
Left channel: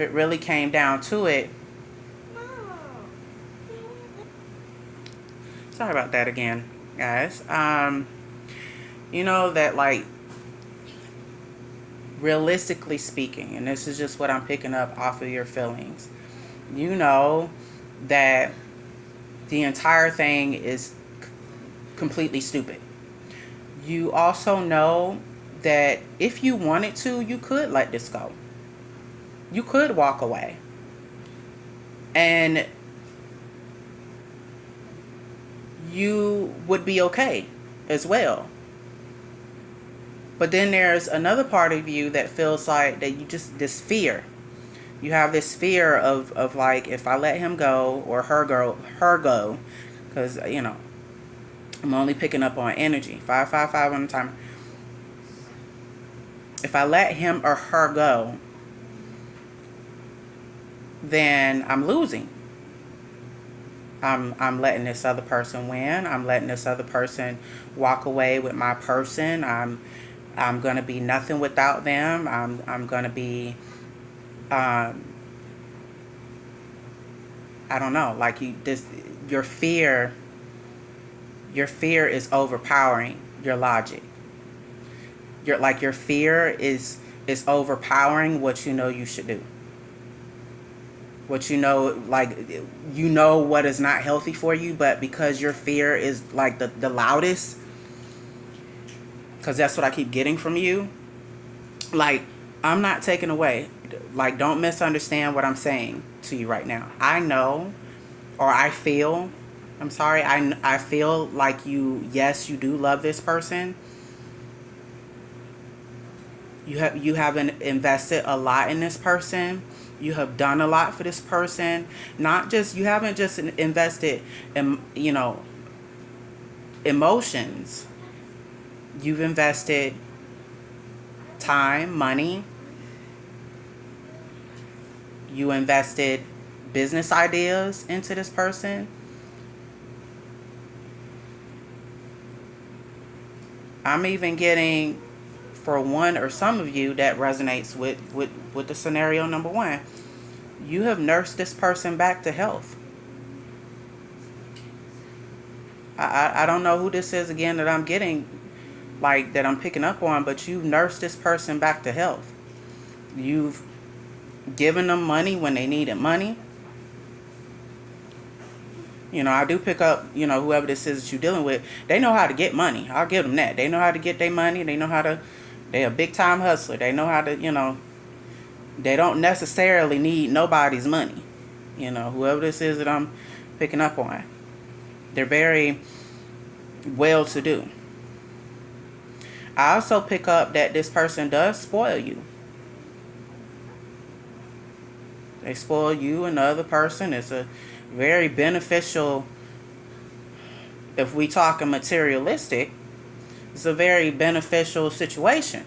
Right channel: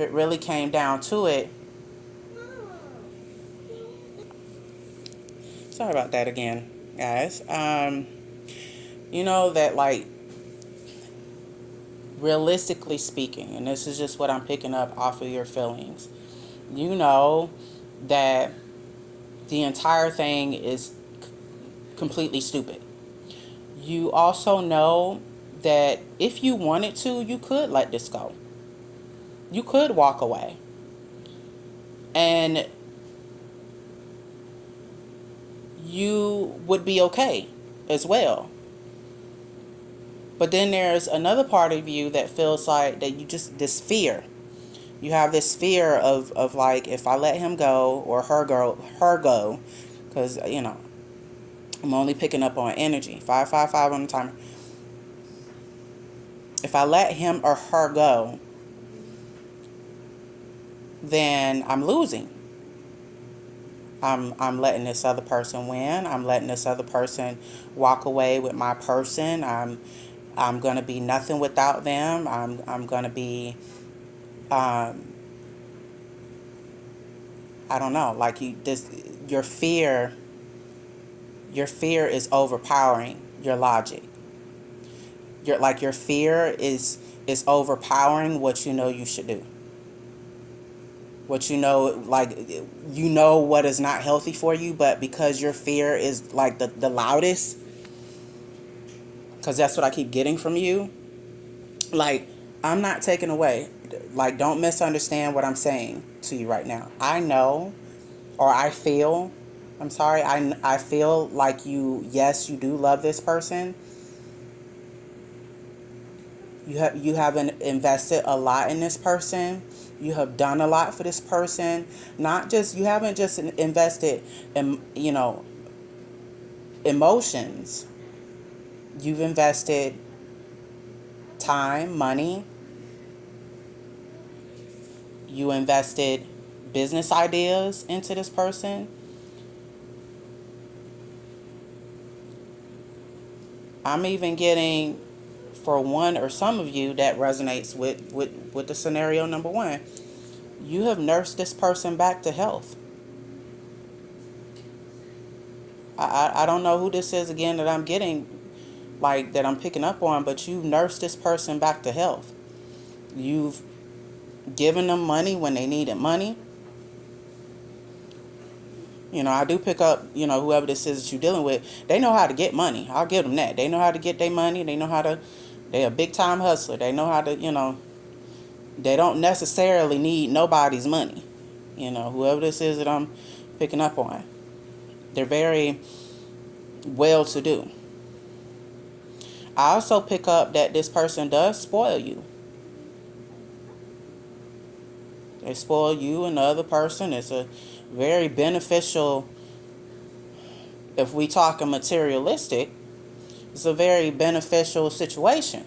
it really came down to it. Sorry about that again, guys. You know that, like, realistically speaking, and this is just what I'm picking up off of your feelings, you know that the entire thing is completely stupid. You also know that if you wanted to, you could let this go. You could walk away. And you would be okay as well. But then there's another part of you that feels like that you just, this fear. You have this fear of like, if I let him go or her go, because, you know, I'm only picking up on energy. 555 on the timer. If I let him or her go, then I'm losing. I'm letting this other person win. I'm letting this other person walk away with my person. I'm gonna be nothing without them. I'm gonna be I don't know, like your fear is overpowering your logic. Your fear is overpowering what you know you should do. What you know, like, you know what is not healthy for you, but because your fear is like the loudest, because that's what I keep getting from you. Like, I'm not taking away, like, don't misunderstand what I'm saying to you right now. I know, or I feel, I'm sorry, I feel like yes, you do love this person. You have invested a lot in this person. You have done a lot for this person. Not just, you haven't just invested in, you know, emotions. You've invested time, money. You invested business ideas into this person. I'm even getting, for one or some of you, that resonates with the scenario number one. You have nursed this person back to health. I don't know who this is again that I'm getting, like, that I'm picking up on, but you've nursed this person back to health. You've given them money when they needed money. You know, I do pick up, you know, whoever this is that you're dealing with, they know how to get money. I'll give them that. They know how to get their money. They know how to, they're a big time hustler. They know how to, you know, they don't necessarily need nobody's money. You know, whoever this is that I'm picking up on, they're very well to do. I also pick up that this person does spoil you. They spoil you and the other person. It's a very beneficial, if we talk materialistic, it's a very beneficial situation.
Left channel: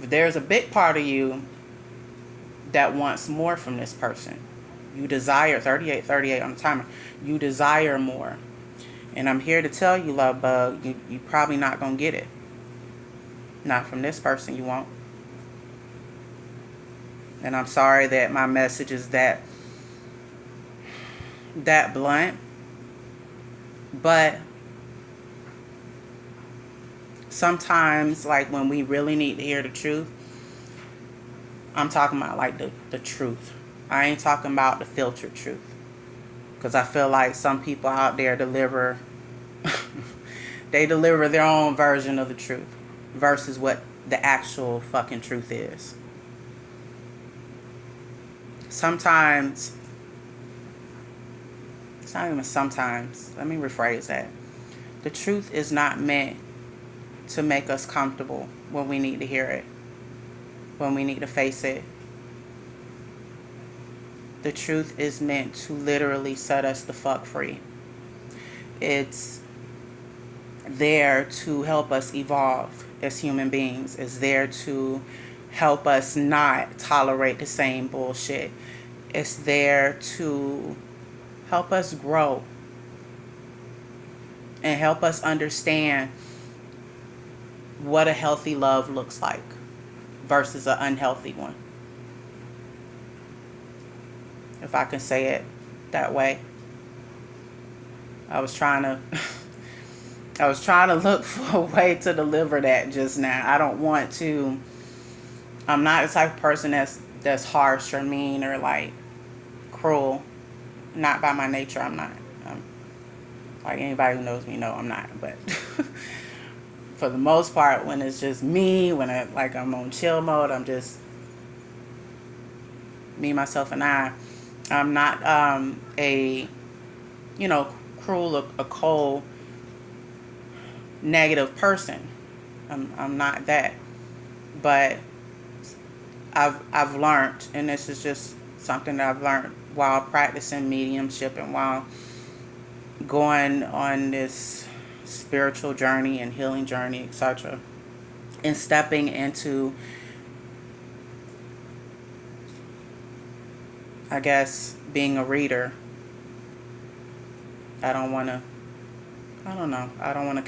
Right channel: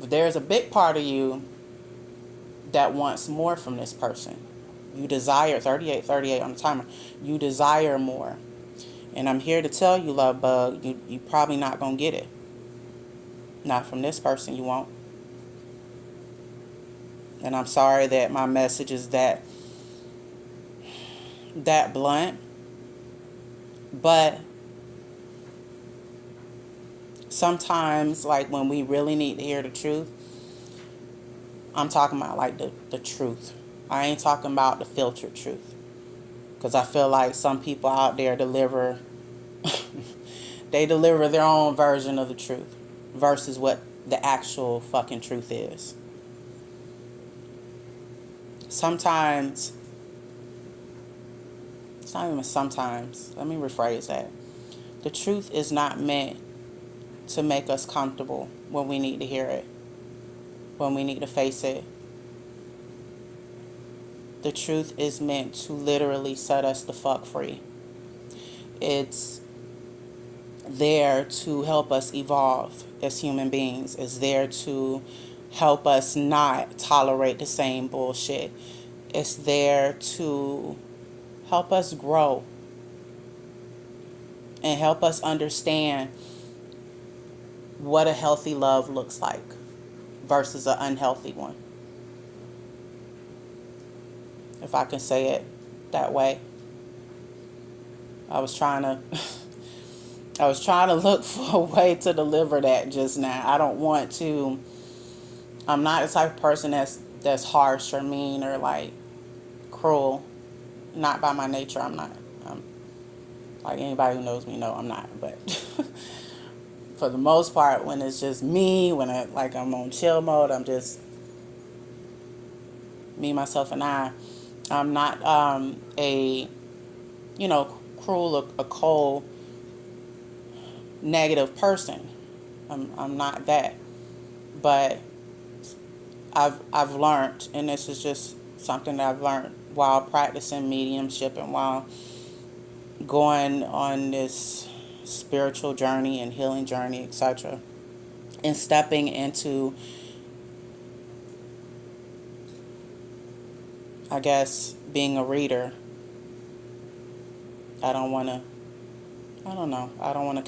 But there's a big part of you that wants more from this person. You desire, 38 on the timer, you desire more. And I'm here to tell you, love bug, you probably not going to get it. Not from this person, you won't. And I'm sorry that my message is that blunt. But sometimes, like, when we really need to hear the truth, I'm talking about, like, the truth. I ain't talking about the filtered truth. Because I feel like some people out there deliver they deliver their own version of the truth versus what the actual fucking truth is. Sometimes, it's not even sometimes, let me rephrase that. The truth is not meant to make us comfortable when we need to hear it, when we need to face it. The truth is meant to literally set us the fuck free. It's there to help us evolve as human beings. It's there to help us not tolerate the same bullshit. It's there to help us grow and help us understand what a healthy love looks like versus an unhealthy one, if I can say it that way. I was trying to I was trying to look for a way to deliver that just now. I don't want to. I'm not the type of person that's harsh or mean or like cruel. Not by my nature. I'm not. Like anybody who knows me know I'm not. But for the most part, when it's just me, when I'm on chill mode, I'm just me, myself, and I. I'm not a cruel, a cold, negative person. I'm not that. But I've learned, and this is just something that I've learned while practicing mediumship and while going on this spiritual journey and healing journey, etc., and stepping into, I guess, being a reader. I don't want to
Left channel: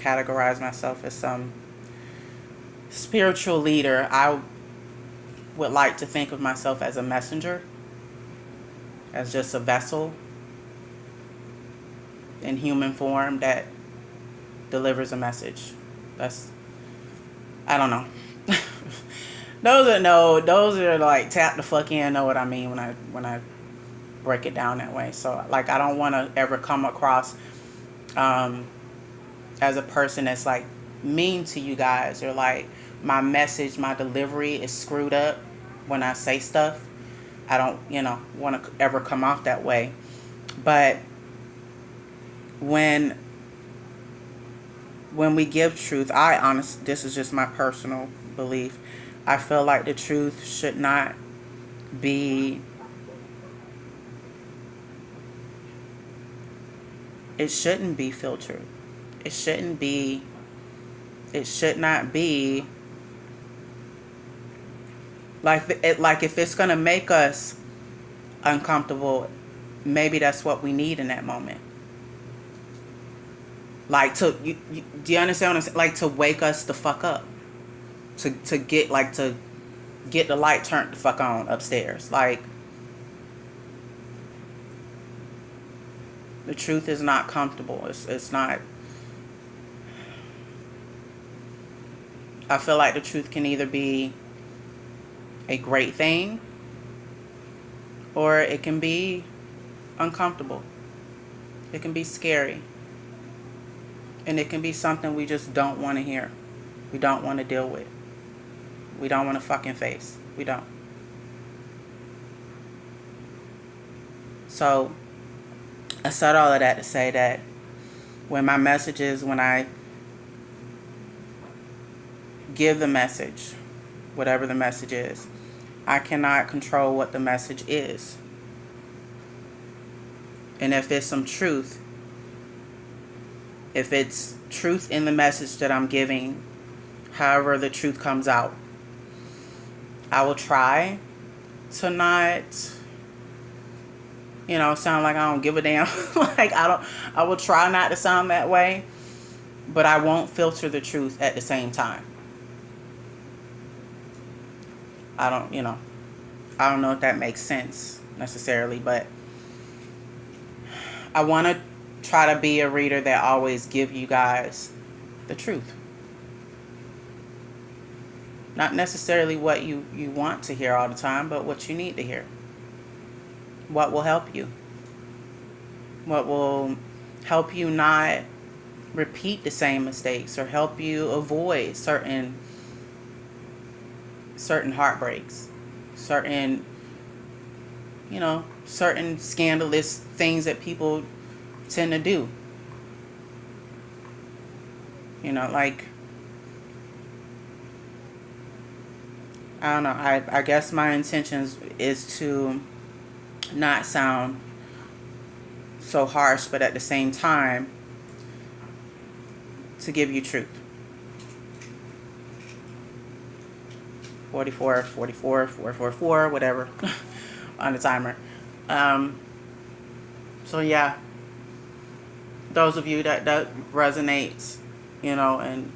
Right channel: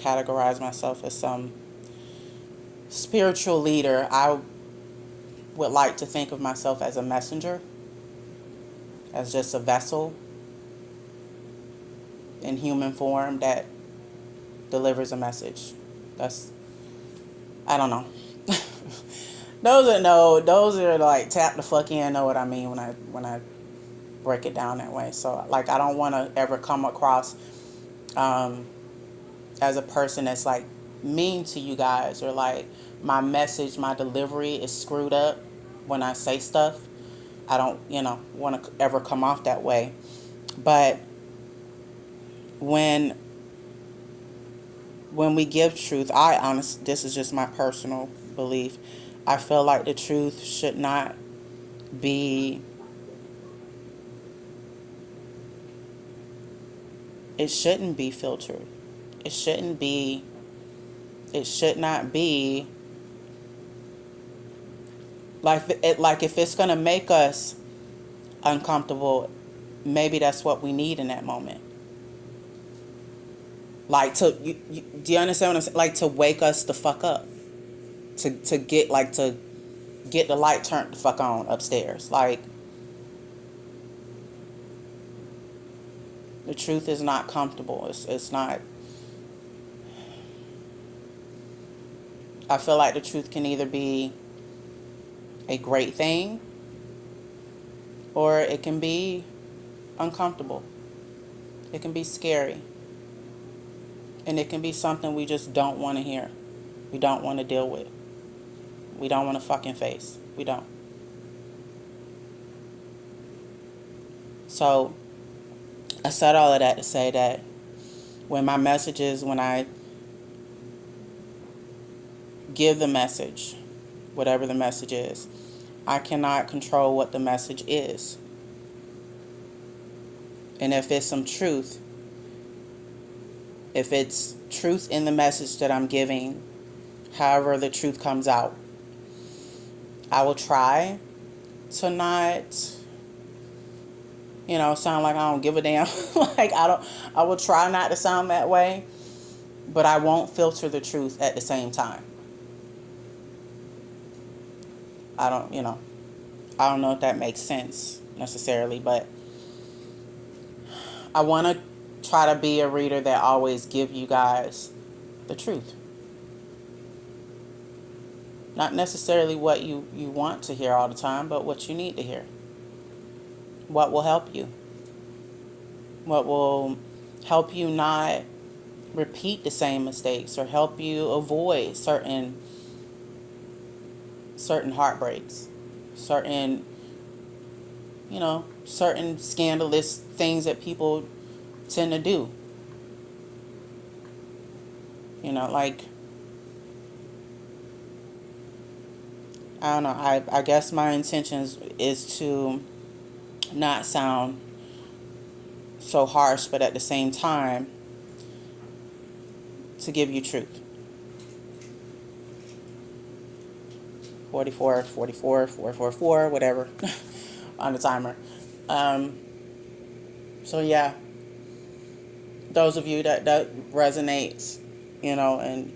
categorize myself as some spiritual leader. I would like to think of myself as a messenger, as just a vessel in human form that delivers a message. I don't know. Those are like tap the fuck in, know what I mean when I break it down that way. So like I don't want to ever come across as a person that's like mean to you guys, or like my message, my delivery is screwed up when I say stuff. I don't, want to ever come off that way. But when we give truth, this is just my personal belief. I feel like the truth should not be, it shouldn't be filtered. It should not be like if it's going to make us uncomfortable, maybe that's what we need in that moment. Like do you understand what I'm saying? Like to wake us the fuck up. To get the light turned the fuck on upstairs. Like the truth is not comfortable. It's not. I feel like the truth can either be a great thing or it can be uncomfortable. It can be scary. And it can be something we just don't want to hear. We don't want to deal with. We don't want to fucking face. We don't. So, I said all of that to say that when I give the message, whatever the message is, I cannot control what the message is. And if it's some truth, if it's truth in the message that I'm giving, however the truth comes out, I will try to not, sound like I don't give a damn. I will try not to sound that way, but I won't filter the truth at the same time. I don't know if that makes sense necessarily, but I want to try to be a reader that always give you guys the truth. Not necessarily what you want to hear all the time, but what you need to hear. What will help you. What will help you not repeat the same mistakes or help you avoid certain heartbreaks, certain scandalous things that people tend to do. I don't know. I guess my intentions is to not sound so harsh, but at the same time, to give you truth. 44, 444, whatever, on the timer. So yeah, those of you that resonates, and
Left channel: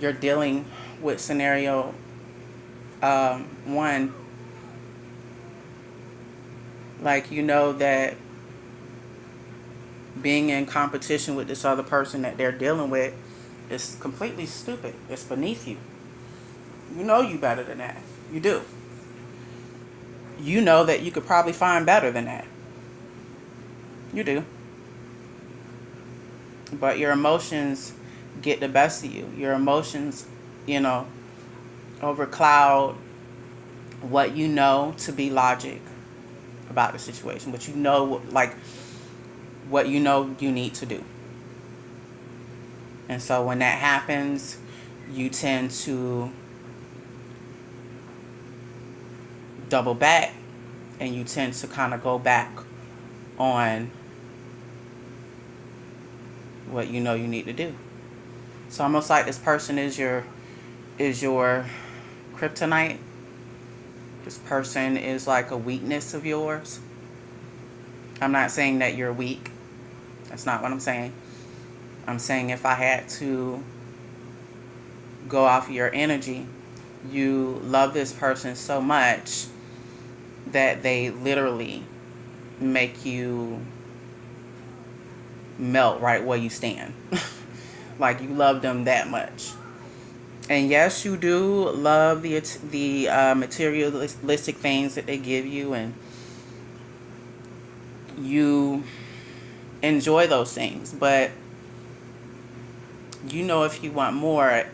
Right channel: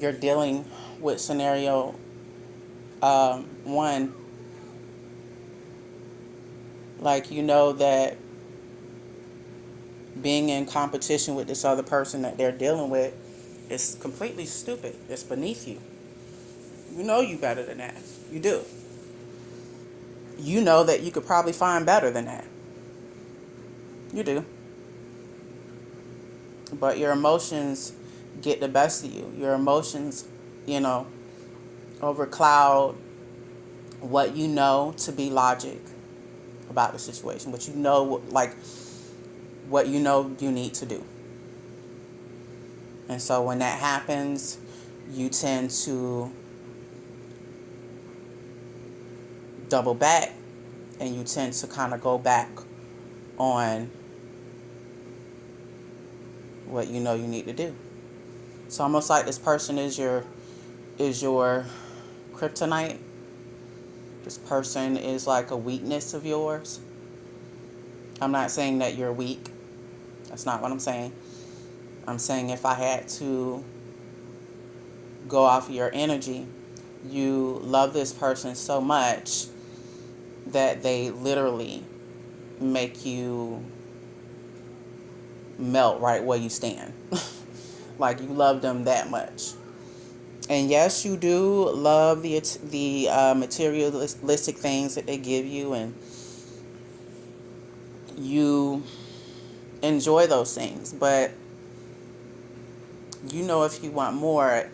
you're dealing with scenario one, like you know that being in competition with this other person that they're dealing with is completely stupid. It's beneath you. You know you better than that. You do. You know that you could probably find better than that. You do. But your emotions get the best of you. Your emotions, you know, overcloud what you know to be logic about the situation. What you know, like, what you know you need to do. And so when that happens, you tend to double back and you tend to kind of go back on what you know you need to do. It's almost like this person is your kryptonite. This person is like a weakness of yours. I'm not saying that you're weak. That's not what I'm saying. I'm saying if I had to go off of your energy, you love this person so much that they literally make you melt right where you stand. Like you love them that much. And yes, you do love the materialistic things that they give you, and you enjoy those things. But you know, if you want more,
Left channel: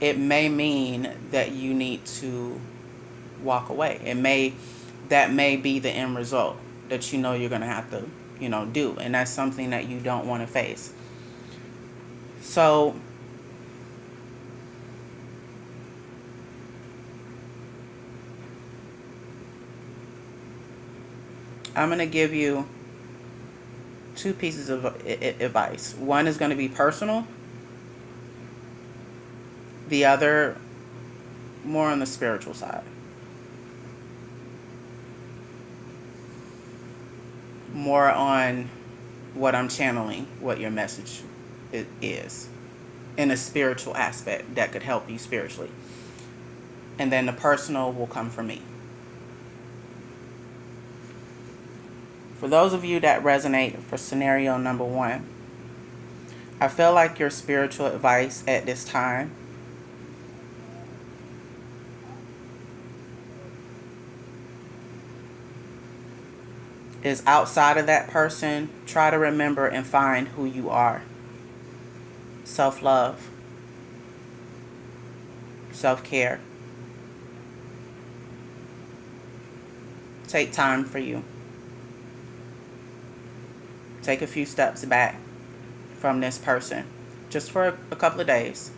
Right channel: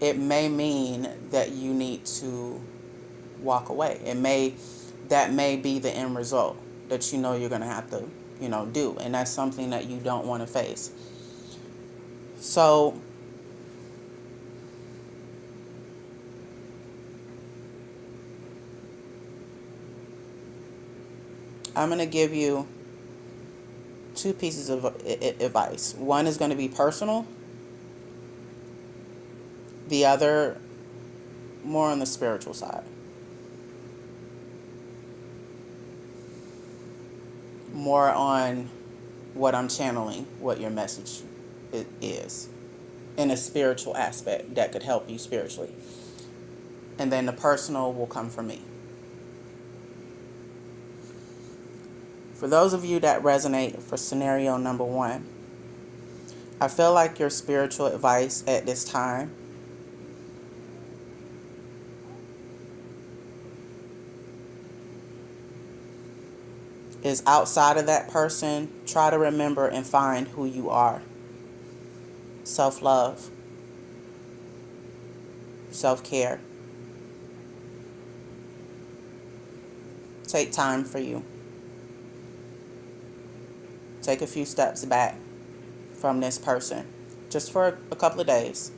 it may mean that you need to walk away. That may be the end result that you know you're gonna have to, do, and that's something that you don't want to face. So I'm gonna give you two pieces of advice. One is going to be personal. The other more on the spiritual side. More on what I'm channeling, what your message is in a spiritual aspect that could help you spiritually. And then the personal will come from me. For those of you that resonate for scenario number one, I feel like your spiritual advice at this time is outside of that person. Try to remember and find who you are. Self-love. Self-care. Take time for you. Take a few steps back from this person just for a couple of days.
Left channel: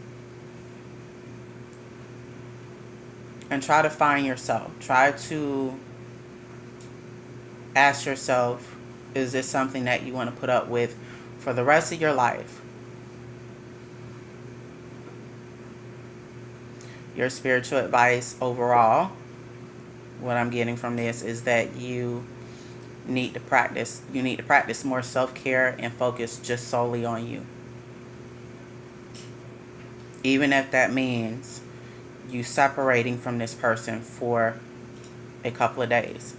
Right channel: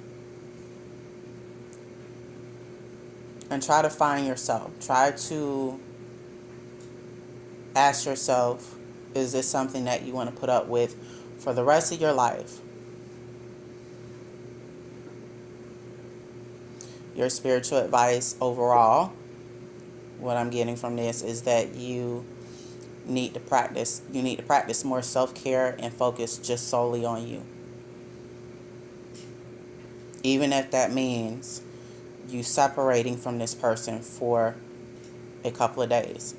And try to find yourself. Try to ask yourself, is this something that you want to put up with for the rest of your life? Your spiritual advice overall, what I'm getting from this is that you need to practice more self-care and focus just solely on you. Even if that means you separating from this person for a couple of days.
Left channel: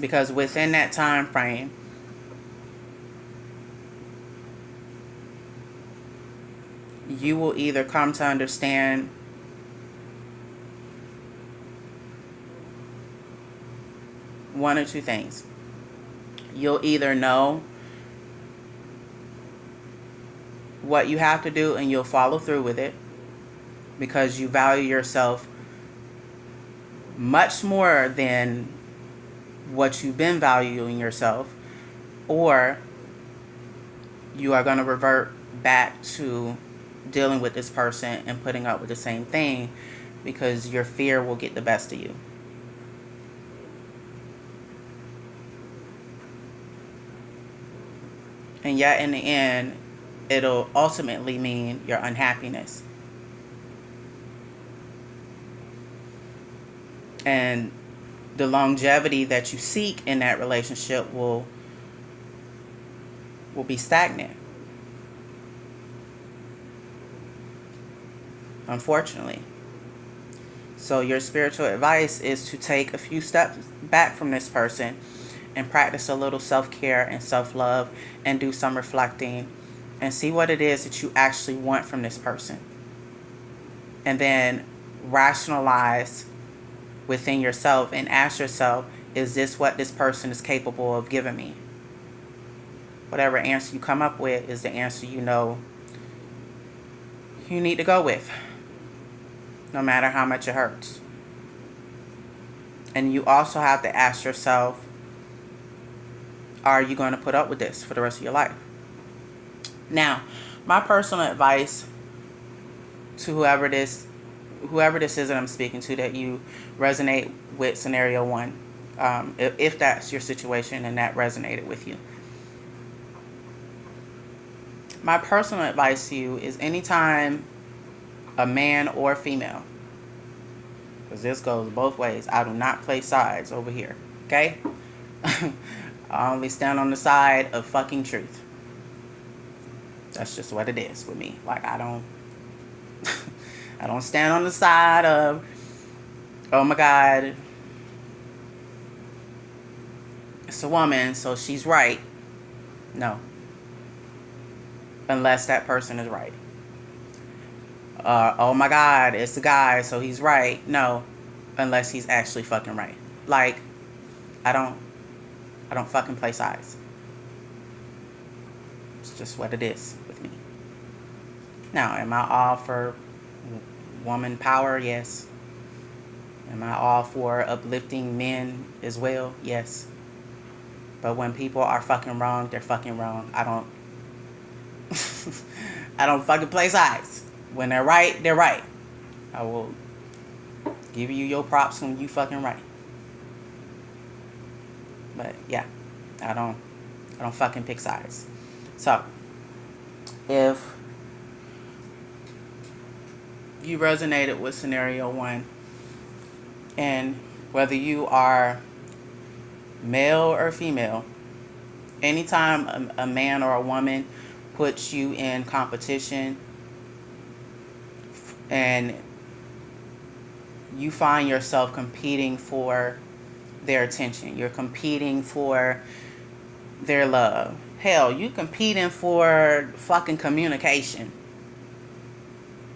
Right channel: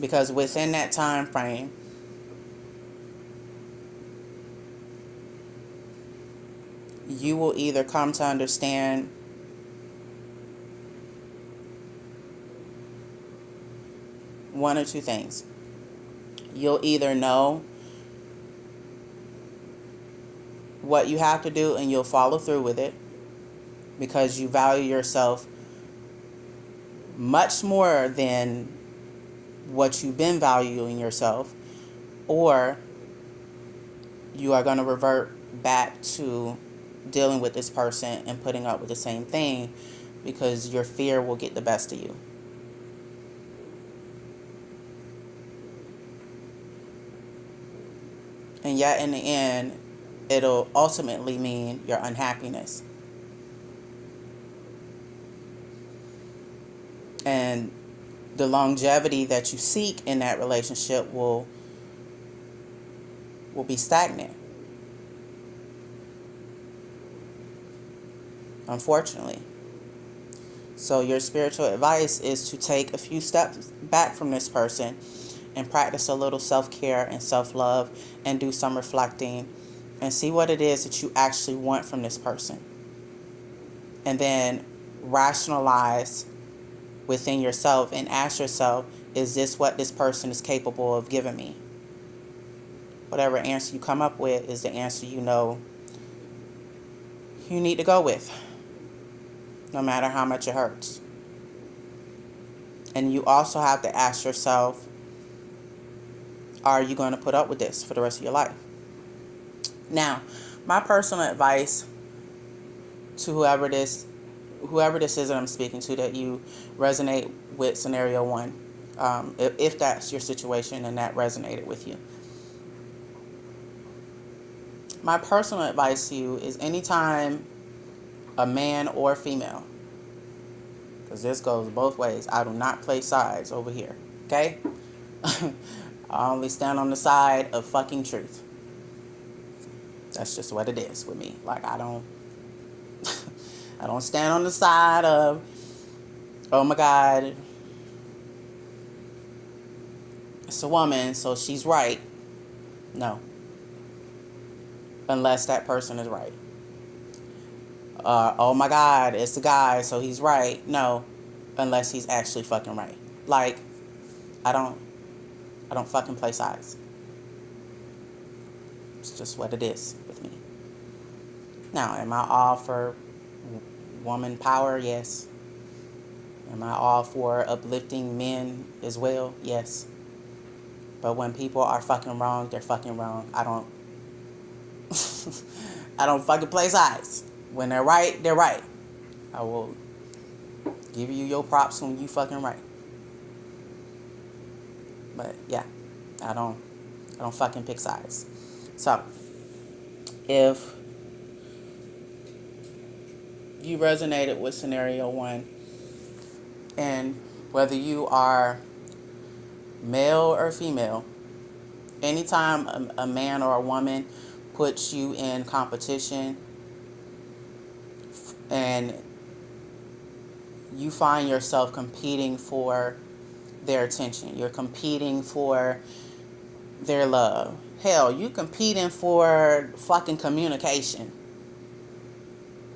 Because within that time frame, you will either come to understand one or two things. You'll either know what you have to do and you'll follow through with it because you value yourself much more than what you've been valuing yourself, or you are going to revert back to dealing with this person and putting up with the same thing because your fear will get the best of you. And yet in the end, it'll ultimately mean your unhappiness. And the longevity that you seek in that relationship will be stagnant. unfortunately. So your spiritual advice is to take a few steps back from this person and practice a little self-care and self-love and do some reflecting and see what it is that you actually want from this person. And then rationalize within yourself and ask yourself, is this what this person is capable of giving me? Whatever answer you come up with is the answer you know you need to go with, no matter how much it hurts. And you also have to ask yourself, are you going to put up with this for the rest of your life? Now, my personal advice to whoever this is that I'm speaking to, that you resonate with scenario one, if that's your situation and that resonated with you. My personal advice to you is anytime a man or female, because this goes both ways, I do not play sides over here, okay? I only stand on the side of fucking truth. That's just what it is with me. Like, I don't stand on the side of, oh my God, it's a woman, so she's right. No. Unless that person is right. Oh my God, it's a guy, so he's right. No. Unless he's actually fucking right. Like, I don't fucking play sides. It's just what it is with me. Now, am I all for woman power? Yes. Am I all for uplifting men as well? Yes. But when people are fucking wrong, they're fucking wrong. I don't fucking play sides. When they're right, they're right. I will give you your props when you fucking right. But yeah, I don't fucking pick sides. So, if you resonated with scenario one, and whether you are male or female, anytime a man or a woman puts you in competition and you find yourself competing for their attention, you're competing for their love. Hell, you competing for fucking communication.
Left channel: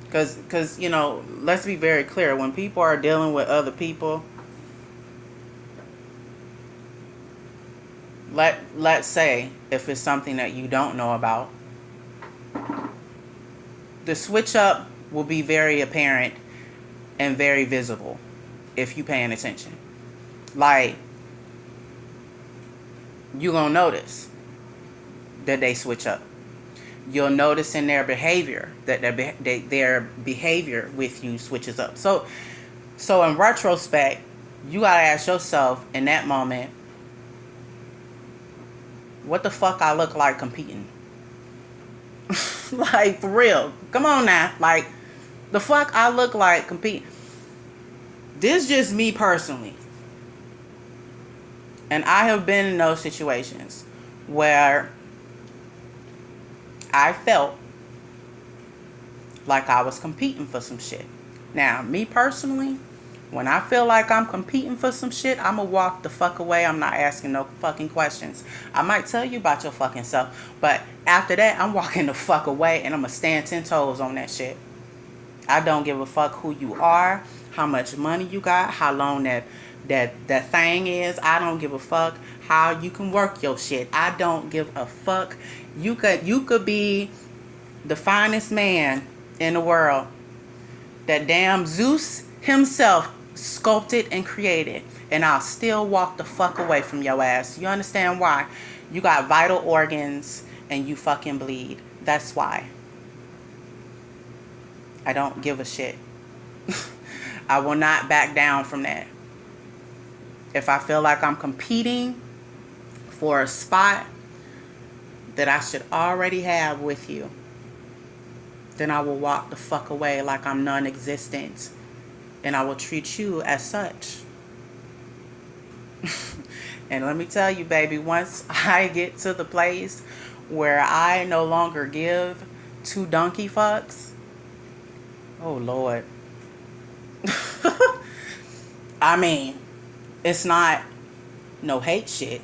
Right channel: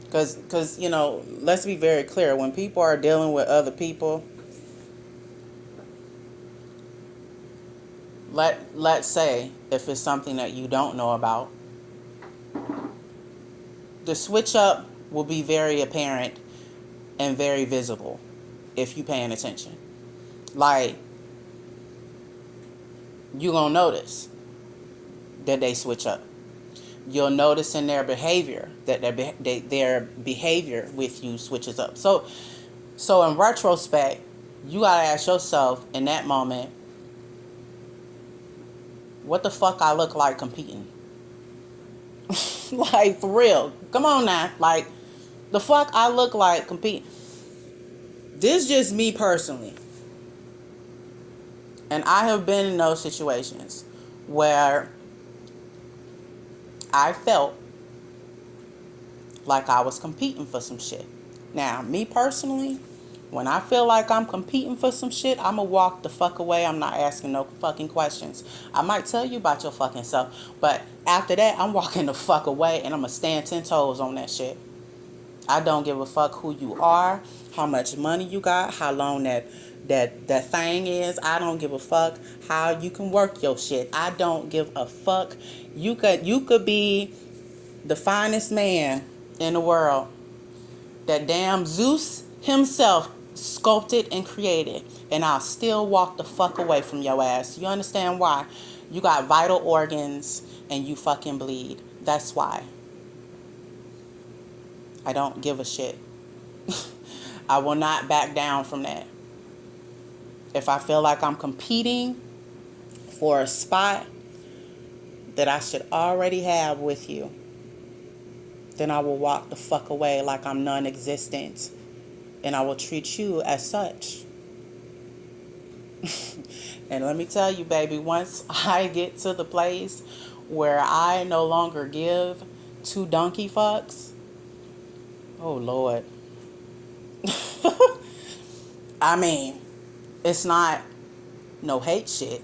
Because, you know, let's be very clear. When people are dealing with other people, let's say if it's something that you don't know about, the switch up will be very apparent and very visible if you paying attention. Like, you gonna notice that they switch up. You'll notice in their behavior that their behavior with you switches up. So in retrospect, you gotta ask yourself in that moment, what the fuck I look like competing? Like, for real. Come on now. Like, the fuck I look like competing. This just me personally. And I have been in those situations where I felt like I was competing for some shit. Now, me personally, when I feel like I'm competing for some shit, I'm gonna walk the fuck away. I'm not asking no fucking questions. I might tell you about your fucking self, but after that, I'm walking the fuck away and I'm gonna stand 10 toes on that shit. I don't give a fuck who you are, how much money you got, how long that thing is. I don't give a fuck how you can work your shit. I don't give a fuck. You could be the finest man in the world that damn Zeus himself sculpted and created, and I'll still walk the fuck away from your ass. You understand why? You got vital organs and you fucking bleed. That's why. I don't give a shit. I will not back down from that. If I feel like I'm competing for a spot that I should already have with you, then I will walk the fuck away like I'm non-existent, and I will treat you as such. And let me tell you, baby, once I get to the place where I no longer give two donkey fucks, Oh, Lord. I mean, it's not no hate shit.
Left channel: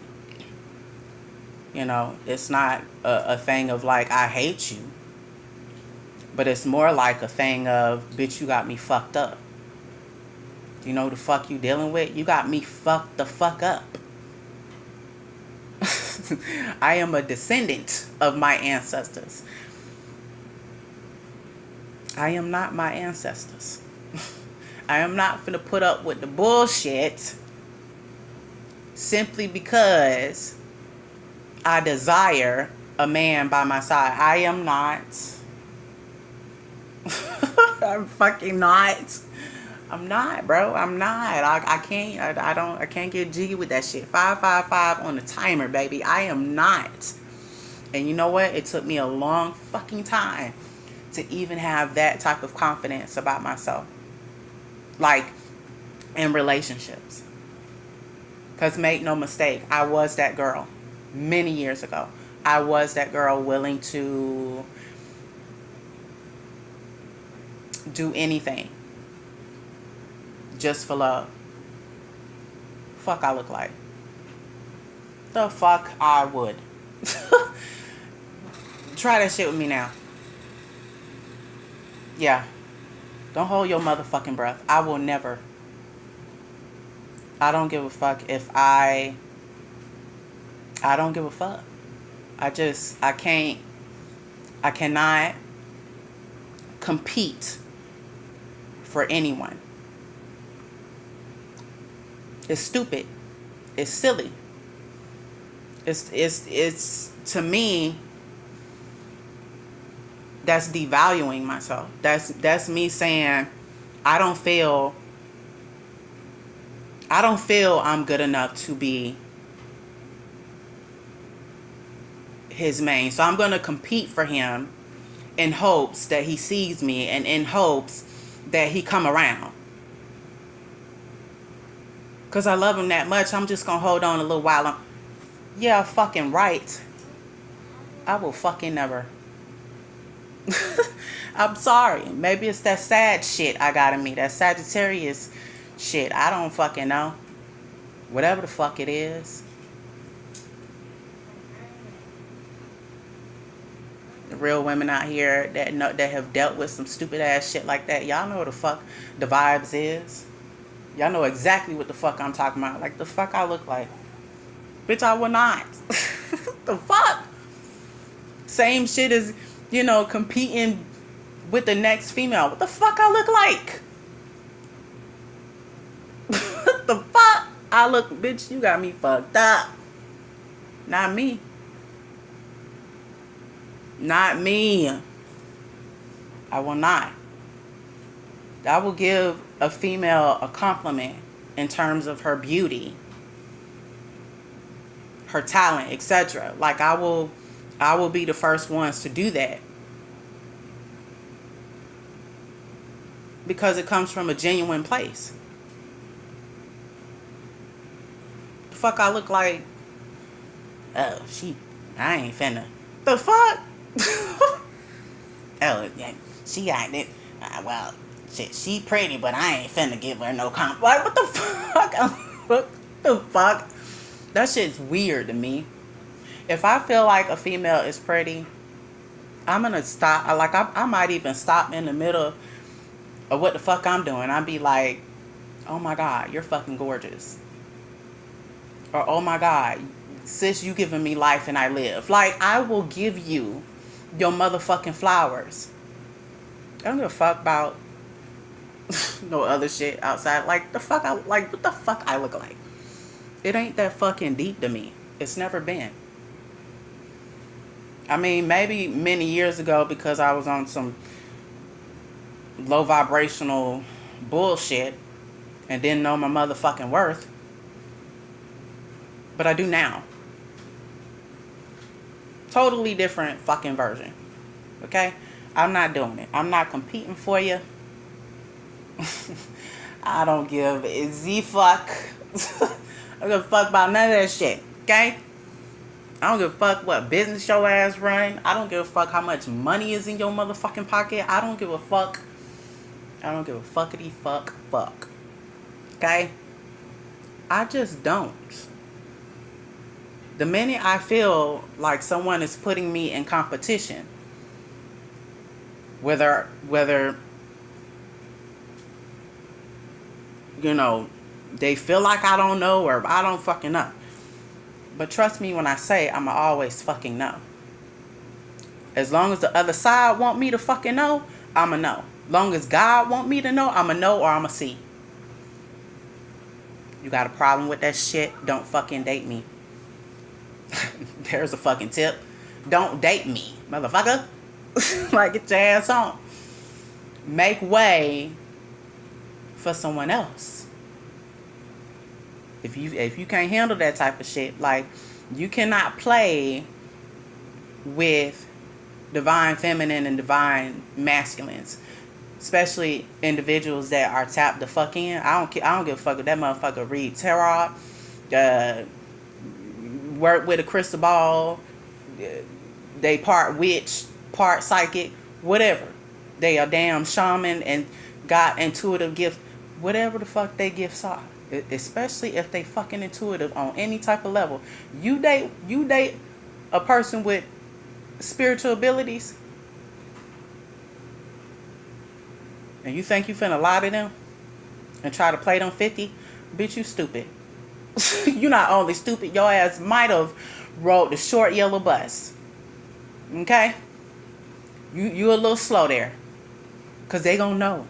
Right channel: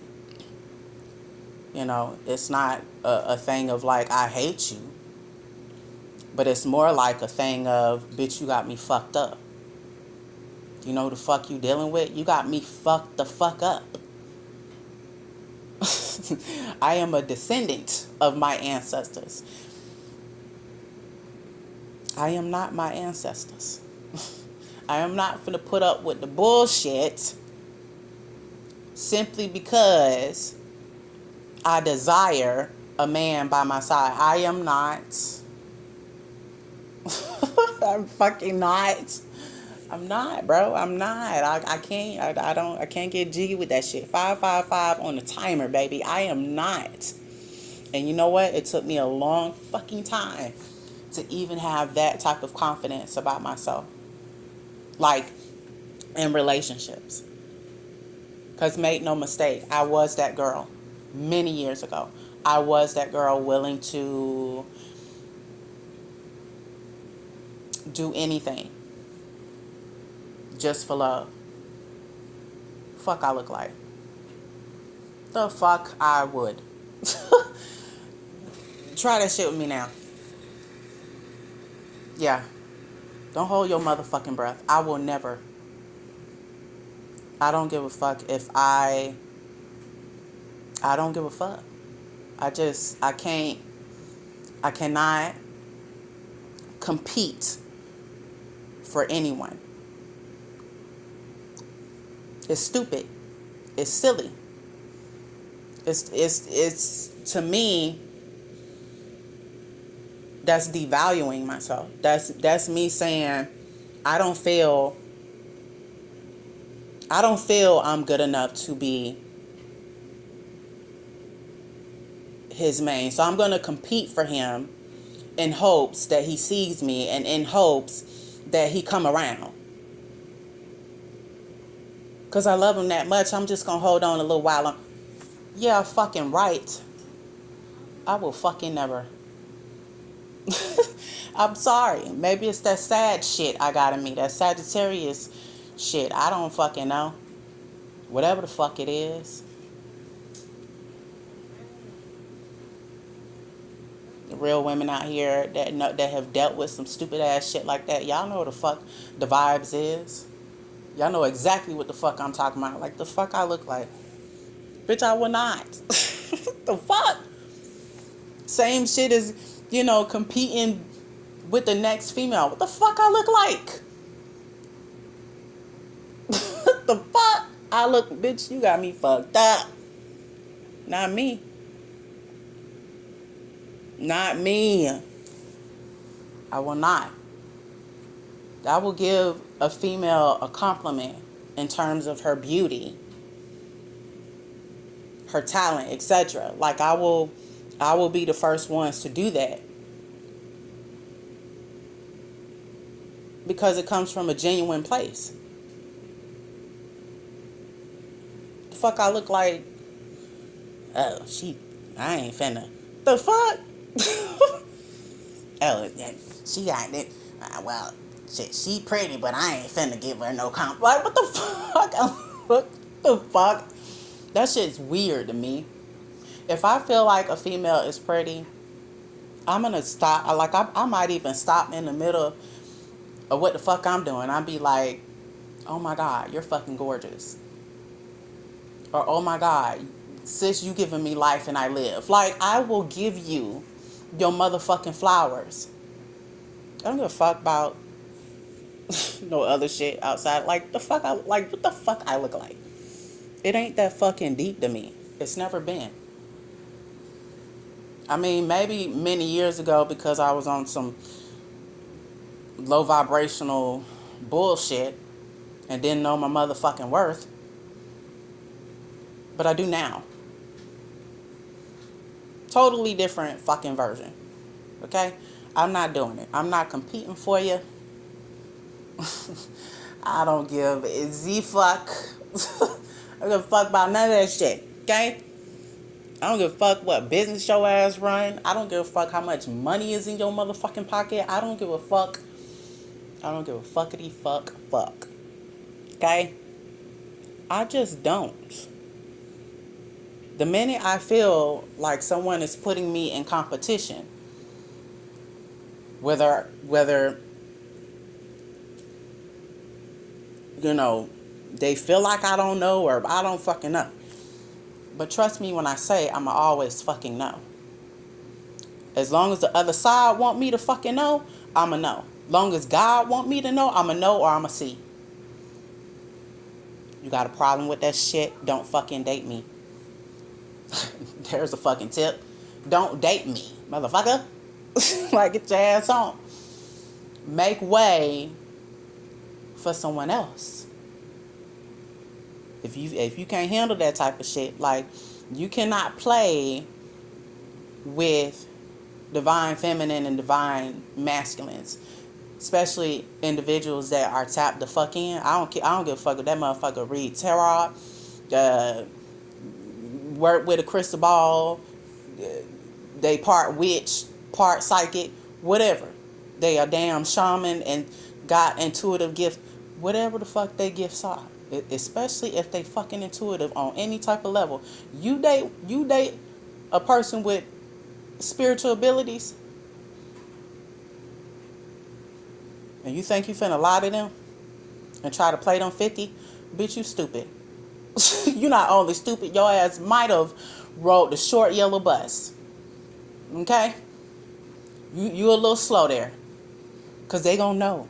You know, it's not a thing of like, I hate you. But it's more like a thing of, bitch, you got me fucked up. You know who the fuck you dealing with? You got me fucked the fuck up. I am a descendant of my ancestors. I am not my ancestors. I am not finna put up with the bullshit simply because I desire a man by my side. I am not. I'm fucking not. I'm not, bro. I'm not. I can't. I can't get jiggy with that shit. 555 on the timer, baby. I am not. And you know what? It took me a long fucking time to even have that type of confidence about myself. Like, in relationships. Because make no mistake, I was that girl many years ago. I was that girl willing to do anything just for love. Fuck I look like. The fuck I would. Try that shit with me now. Yeah. Don't hold your motherfucking breath. I will never. I don't give a fuck if I don't give a fuck. I cannot compete for anyone. It's stupid. It's silly. It's to me, that's devaluing myself. That's me saying I don't feel I'm good enough to be his main. So I'm going to compete for him in hopes that he sees me and in hopes that he come around. Because I love him that much, I'm just going to hold on a little while. Yeah, fucking right. I will fucking never. I'm sorry. Maybe it's that sad shit I got in me. That Sagittarius shit. I don't fucking know. Whatever the fuck it is. The real women out here that have dealt with some stupid ass shit like that. Y'all know what the fuck the vibes is. Y'all know exactly what the fuck I'm talking about. Like, the fuck I look like. Bitch, I will not. The fuck? Same shit as, competing with the next female. What the fuck I look like? What the fuck? I look, bitch, you got me fucked up. Not me. Not me. I will not. I will give a female a compliment in terms of her beauty, her talent, etc. Like, I will be the first ones to do that. Because it comes from a genuine place. The fuck I look like? Oh, I ain't finna. The fuck? Oh, she got it. Well, shit, she pretty, but I ain't finna give her no compliment. Like, what the fuck? What the fuck? That shit's weird to me. If I feel like a female is pretty, I'm gonna stop. I might even stop in the middle of what the fuck I'm doing. I'd be like, oh my God, you're fucking gorgeous. Or, oh my God, sis, you giving me life and I live. Like, I will give you your motherfucking flowers. I don't give a fuck about no other shit outside. Like, what the fuck I look like? It ain't that fucking deep to me. It's never been. I mean, maybe many years ago because I was on some low vibrational bullshit and didn't know my motherfucking worth. But I do now. Totally different fucking version. Okay? I'm not doing it. I'm not competing for you. I don't give a Z-fuck. I don't give a fuck about none of that shit. Okay? I don't give a fuck what business your ass run. I don't give a fuck how much money is in your motherfucking pocket. I don't give a fuck I don't give a fuckity fuck. Okay? I just don't. The minute I feel like someone is putting me in competition, whether you know, they feel like I don't know or I don't fucking know. But trust me when I say I'ma always fucking know. As long as the other side want me to fucking know, I'ma know. Long as God want me to know, I'ma know or I'ma see. You got a problem with that shit? Don't fucking date me. There's a fucking tip. Don't date me, motherfucker. Like, get your ass on. Make way for someone else. If you can't handle that type of shit, like, you cannot play with divine feminine and divine masculines, especially individuals that are tapped the fuck in. I don't give a fuck if that motherfucker read tarot, work with a crystal ball, they part witch, part psychic, whatever. They are damn shaman and got intuitive gift, whatever the fuck they gifts are. Especially if they fucking intuitive on any type of level. You date a person with spiritual abilities, and you think you finna lie to them and try to play them 50, bitch, you stupid. You not only stupid, your ass might have rode the short yellow bus. Okay? You a little slow there. Because they gonna know.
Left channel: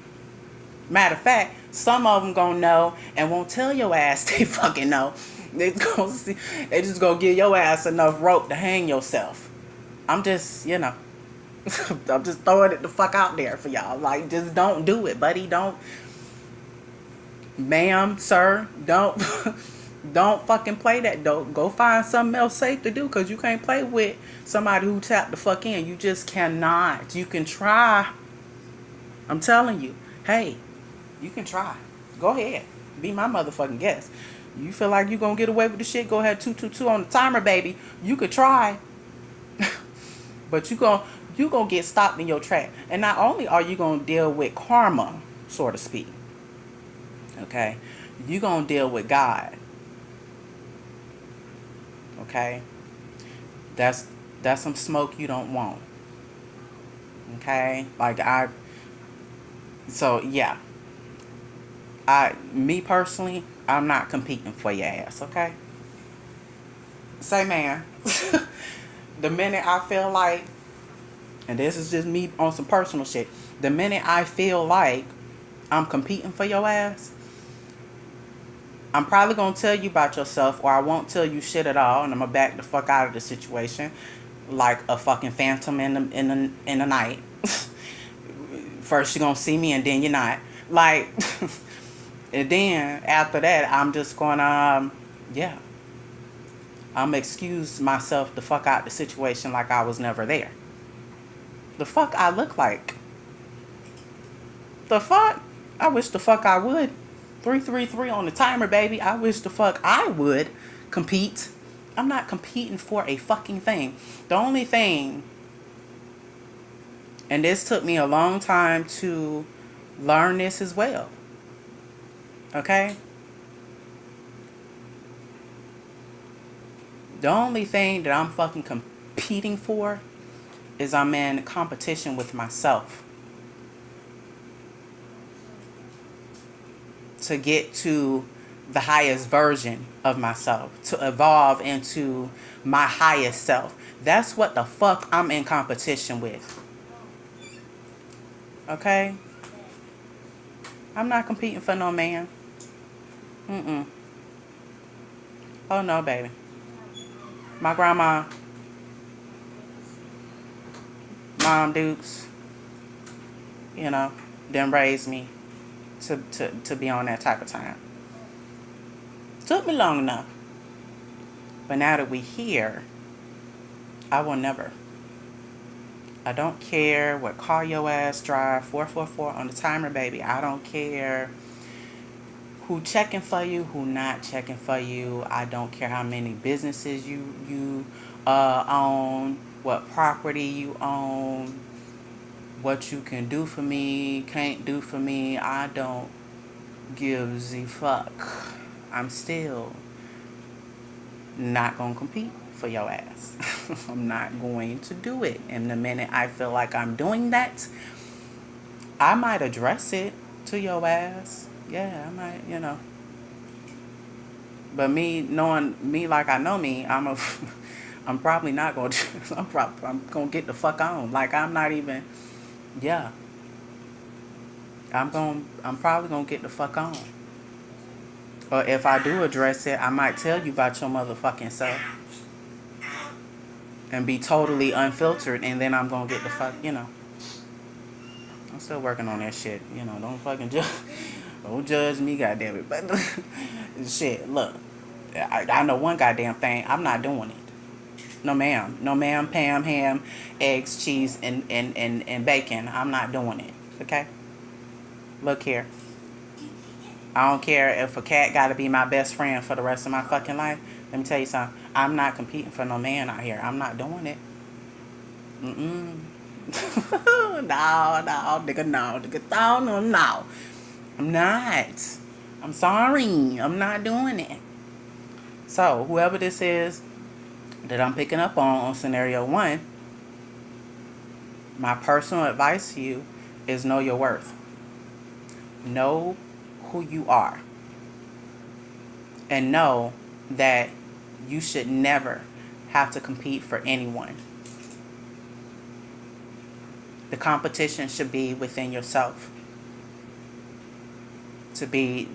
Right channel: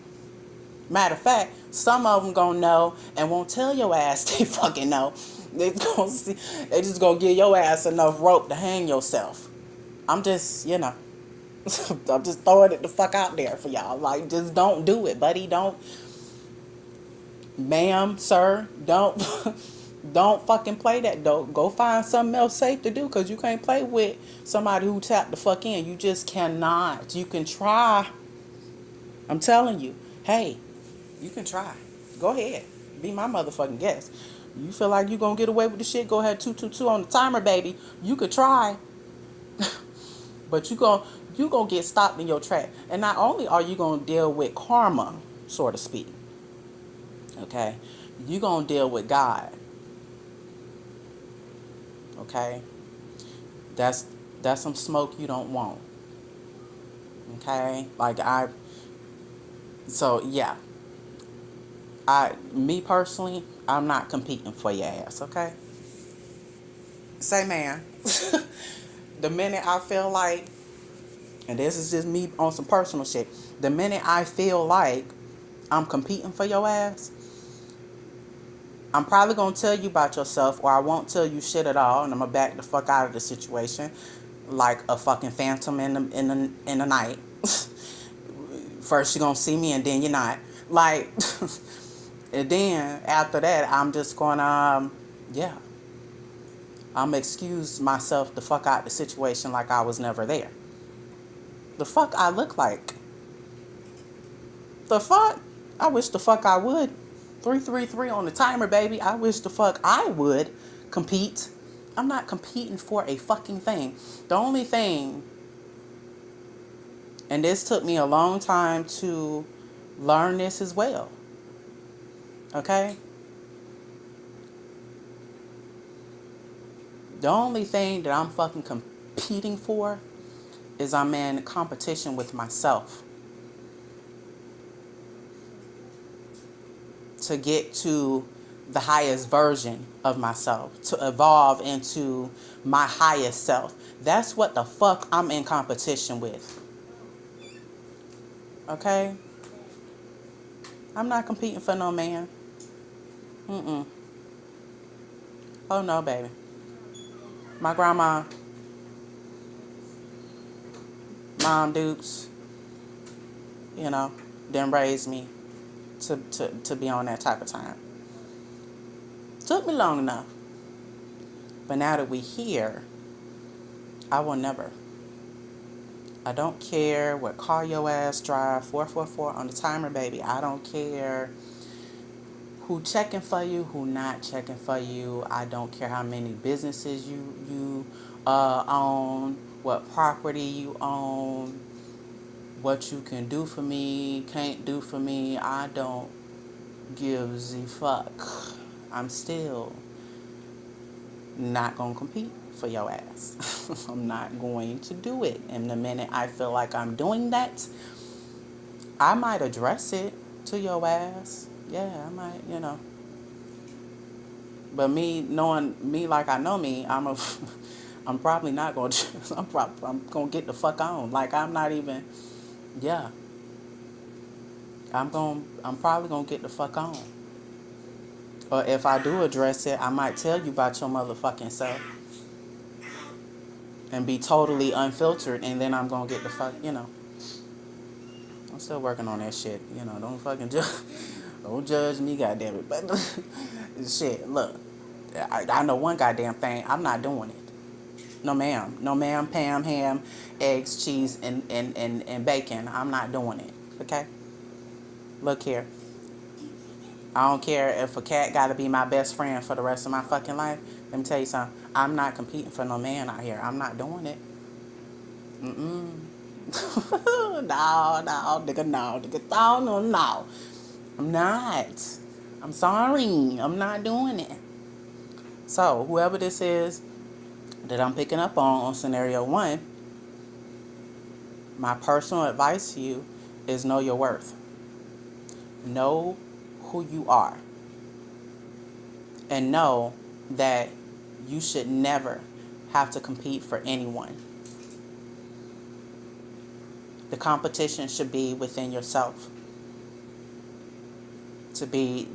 Matter of fact, some of them gonna know and won't tell your ass they fucking know. They just gonna give your ass enough rope to hang yourself. I'm just, I'm just throwing it the fuck out there for y'all. Like, just don't do it, buddy. Don't, ma'am, sir, don't don't fucking play that. Don't go find something else safe to do, because you can't play with somebody who tapped the fuck in. You just cannot. You can try. I'm telling you. Hey, you can try. Go ahead. Be my motherfucking guest. You feel like you gonna get away with the shit, go ahead, 222 on the timer, baby. You could try. But you gonna get stopped in your track. And not only are you gonna deal with karma, so to speak, okay, you gonna deal with God. Okay? That's some smoke you don't want. Okay? So yeah. Me personally, I'm not competing for your ass, okay? Say, man. The minute I feel like, and this is just me on some personal shit, the minute I feel like I'm competing for your ass, I'm probably gonna tell you about yourself, or I won't tell you shit at all, and I'm gonna back the fuck out of the situation, like a fucking phantom in the night. First you're gonna see me, and then you're not. Like, and then after that, I'm just gonna, yeah, I'm excuse myself the fuck out the situation like I was never there. The fuck I look like? The fuck? I wish the fuck I would. 333 on the timer, baby. I wish the fuck I would compete. I'm not competing for a fucking thing. The only thing, and this took me a long time to learn this as well. Okay? The only thing that I'm fucking competing for is I'm in competition with myself. To get to the highest version of myself. To evolve into my highest self. That's what the fuck I'm in competition with. Okay? I'm not competing for no man. Oh no, baby. My grandma, Mom Dukes, didn't raise me to be on that type of time. Took me long enough. But now that we here, I will never. I don't care what car your ass drive, 444 on the timer, baby. I don't care who checking for you, who not checking for you. I don't care how many businesses you own, what property you own. what you can do for me, can't do for me, I don't give a fuck. I'm still not gonna compete for your ass. I'm not going to do it. And the minute I feel like I'm doing that, I might address it to your ass. Yeah, I might, But me knowing me like I know me, I'm probably not going to. I'm going to get the fuck on. Like I'm not even. Yeah. I'm probably going to get the fuck on. Or if I do address it, I might tell you about your motherfucking self and be totally unfiltered, and then I'm going to get the fuck. I'm still working on that shit. Don't fucking judge. Don't judge me, goddamn it. But shit, look, I know one goddamn thing. I'm not doing it. No ma'am. No ma'am, Pam, ham, eggs, cheese, and bacon. I'm not doing it. Okay? Look here. I don't care if a cat gotta be my best friend for the rest of my fucking life. Let me tell you something. I'm not competing for no man out here. I'm not doing it. Mm-mm. No, nigga, no. Nigga, no. I'm not. I'm sorry. I'm not doing it. So, whoever this is that I'm picking up on scenario 1, my personal advice to you is know your worth. Know who you are. And know that you should never have to compete for anyone. The competition should be within yourself. To be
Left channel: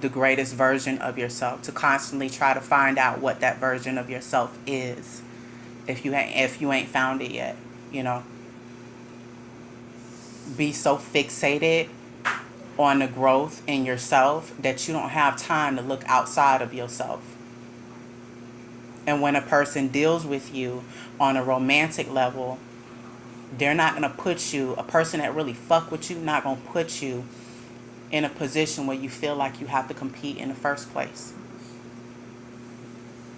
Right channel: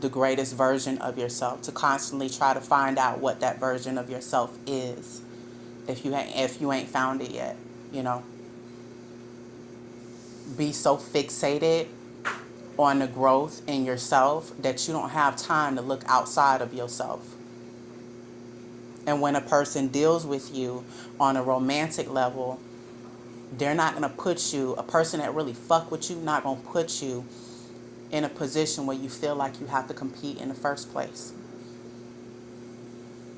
the greatest version of yourself. To constantly try to find out what that version of yourself is. If you ain't found it yet, Be so fixated on the growth in yourself that you don't have time to look outside of yourself. And when a person deals with you on a romantic level, they're not going to put you, a person that really fuck with you, not going to put you in a position where you feel like you have to compete in the first place.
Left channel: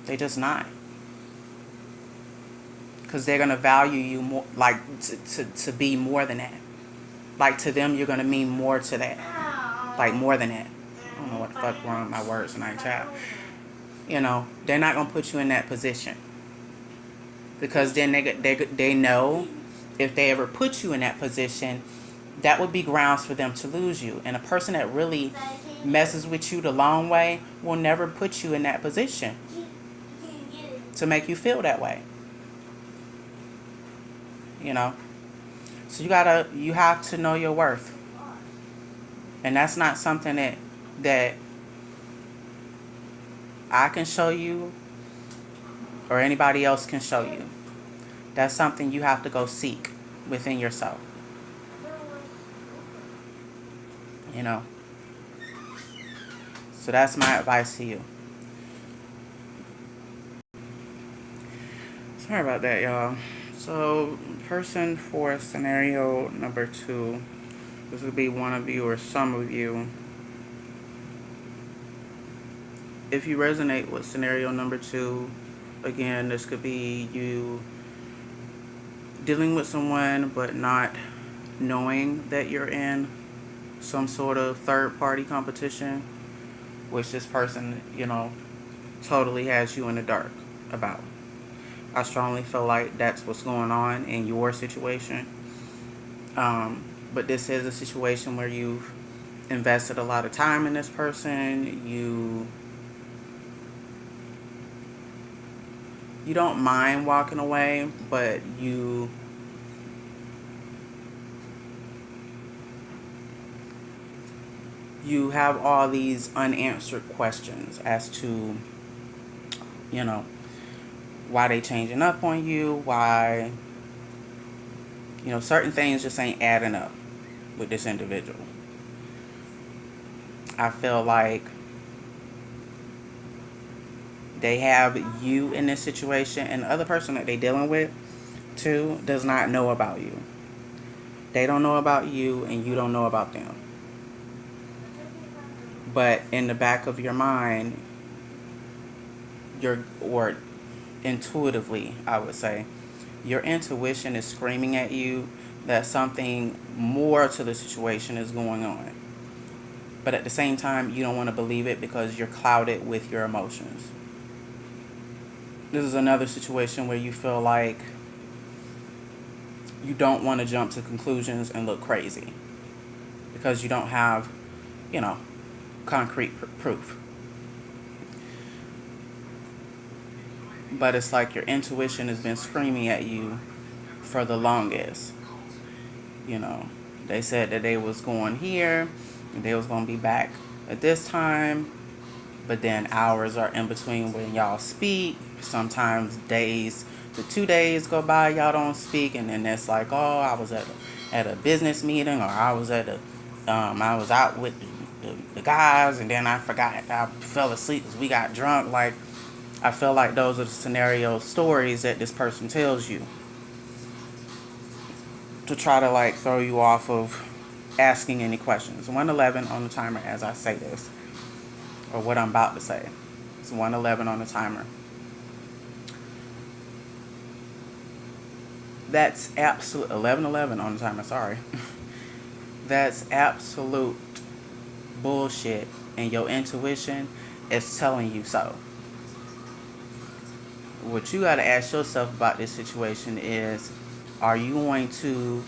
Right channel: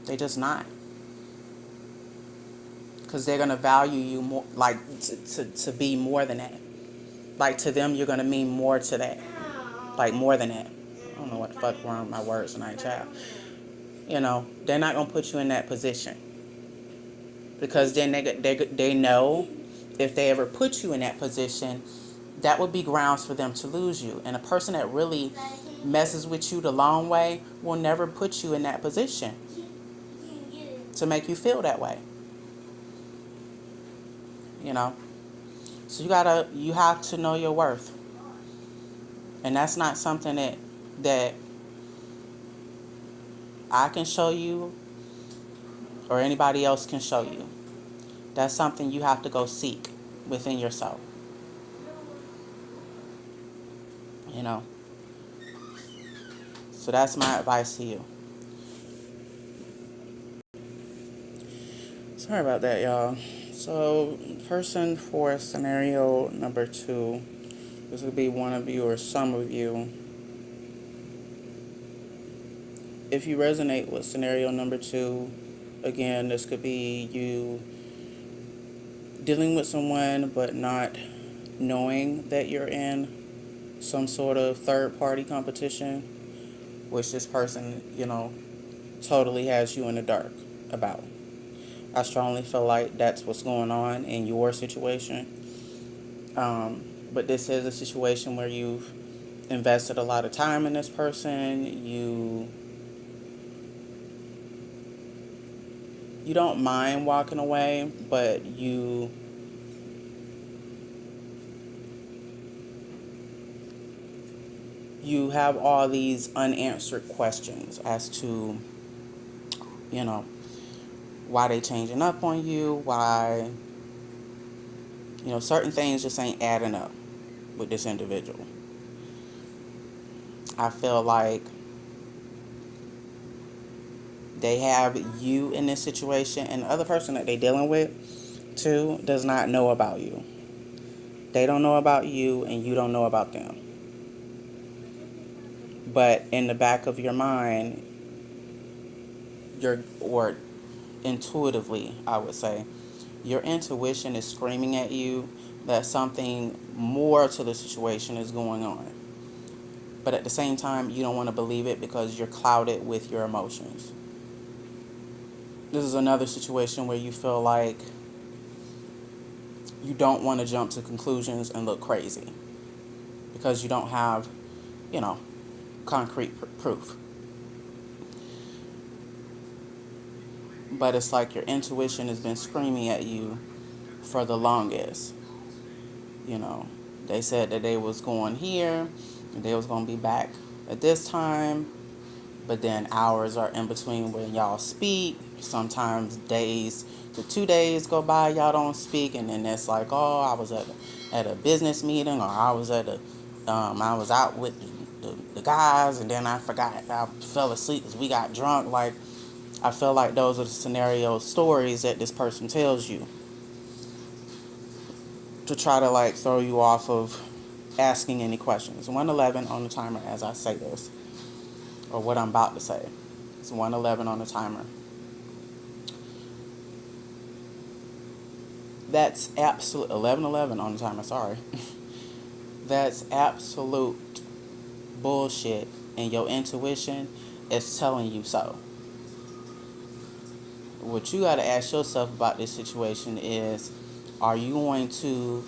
They just not. Because they're going to value you more, like to be more than that. Like to them, you're going to mean more to that. Like more than that. I don't know what the fuck wrong with my words tonight, child. They're not going to put you in that position. Because then they know if they ever put you in that position, that would be grounds for them to lose you. And a person that really messes with you the long way will never put you in that position to make you feel that way. So you have to know your worth. And that's not something that I can show you or anybody else can show you. That's something you have to go seek within yourself. So that's my advice to you. Sorry about that, y'all. So, person for scenario number 2. This would be one of you or some of you. If you resonate with scenario number 2, again, this could be you dealing with someone but not knowing that you're in some sort of third-party competition, which this person, totally has you in the dark about. I strongly feel like that's what's going on in your situation. But this is a situation where you've invested a lot of time in this person. You don't mind walking away, but you have all these unanswered questions as to, why they changing up on you, why, certain things just ain't adding up with this individual. I feel like they have you in this situation, and the other person that they're dealing with, too, does not know about you. They don't know about you, and you don't know about them. But in the back of your mind, intuitively, I would say, your intuition is screaming at you that something more to the situation is going on. But at the same time, you don't want to believe it because you're clouded with your emotions. This is another situation where you feel like you don't want to jump to conclusions and look crazy because you don't have, you know, concrete proof. But it's like your intuition has been screaming at you for the longest. You know, they said that they was going here and they was going to be back at this time, but then hours are in between when y'all speak. Sometimes days to 2 days go by, y'all don't speak, and then it's like, oh, I was at a business meeting, or I was I was out with the guys, and then I forgot, I fell asleep because we got drunk. Like, I feel like those are the scenario stories that this person tells you to try to like throw you off of asking any questions. 111 on the timer as I say this, or what I'm about to say. It's 111 on the timer. That's absolute 11:11 on the timer. Sorry. That's absolute bullshit, and your intuition is telling you so. What you got to ask yourself about this situation is, are you going to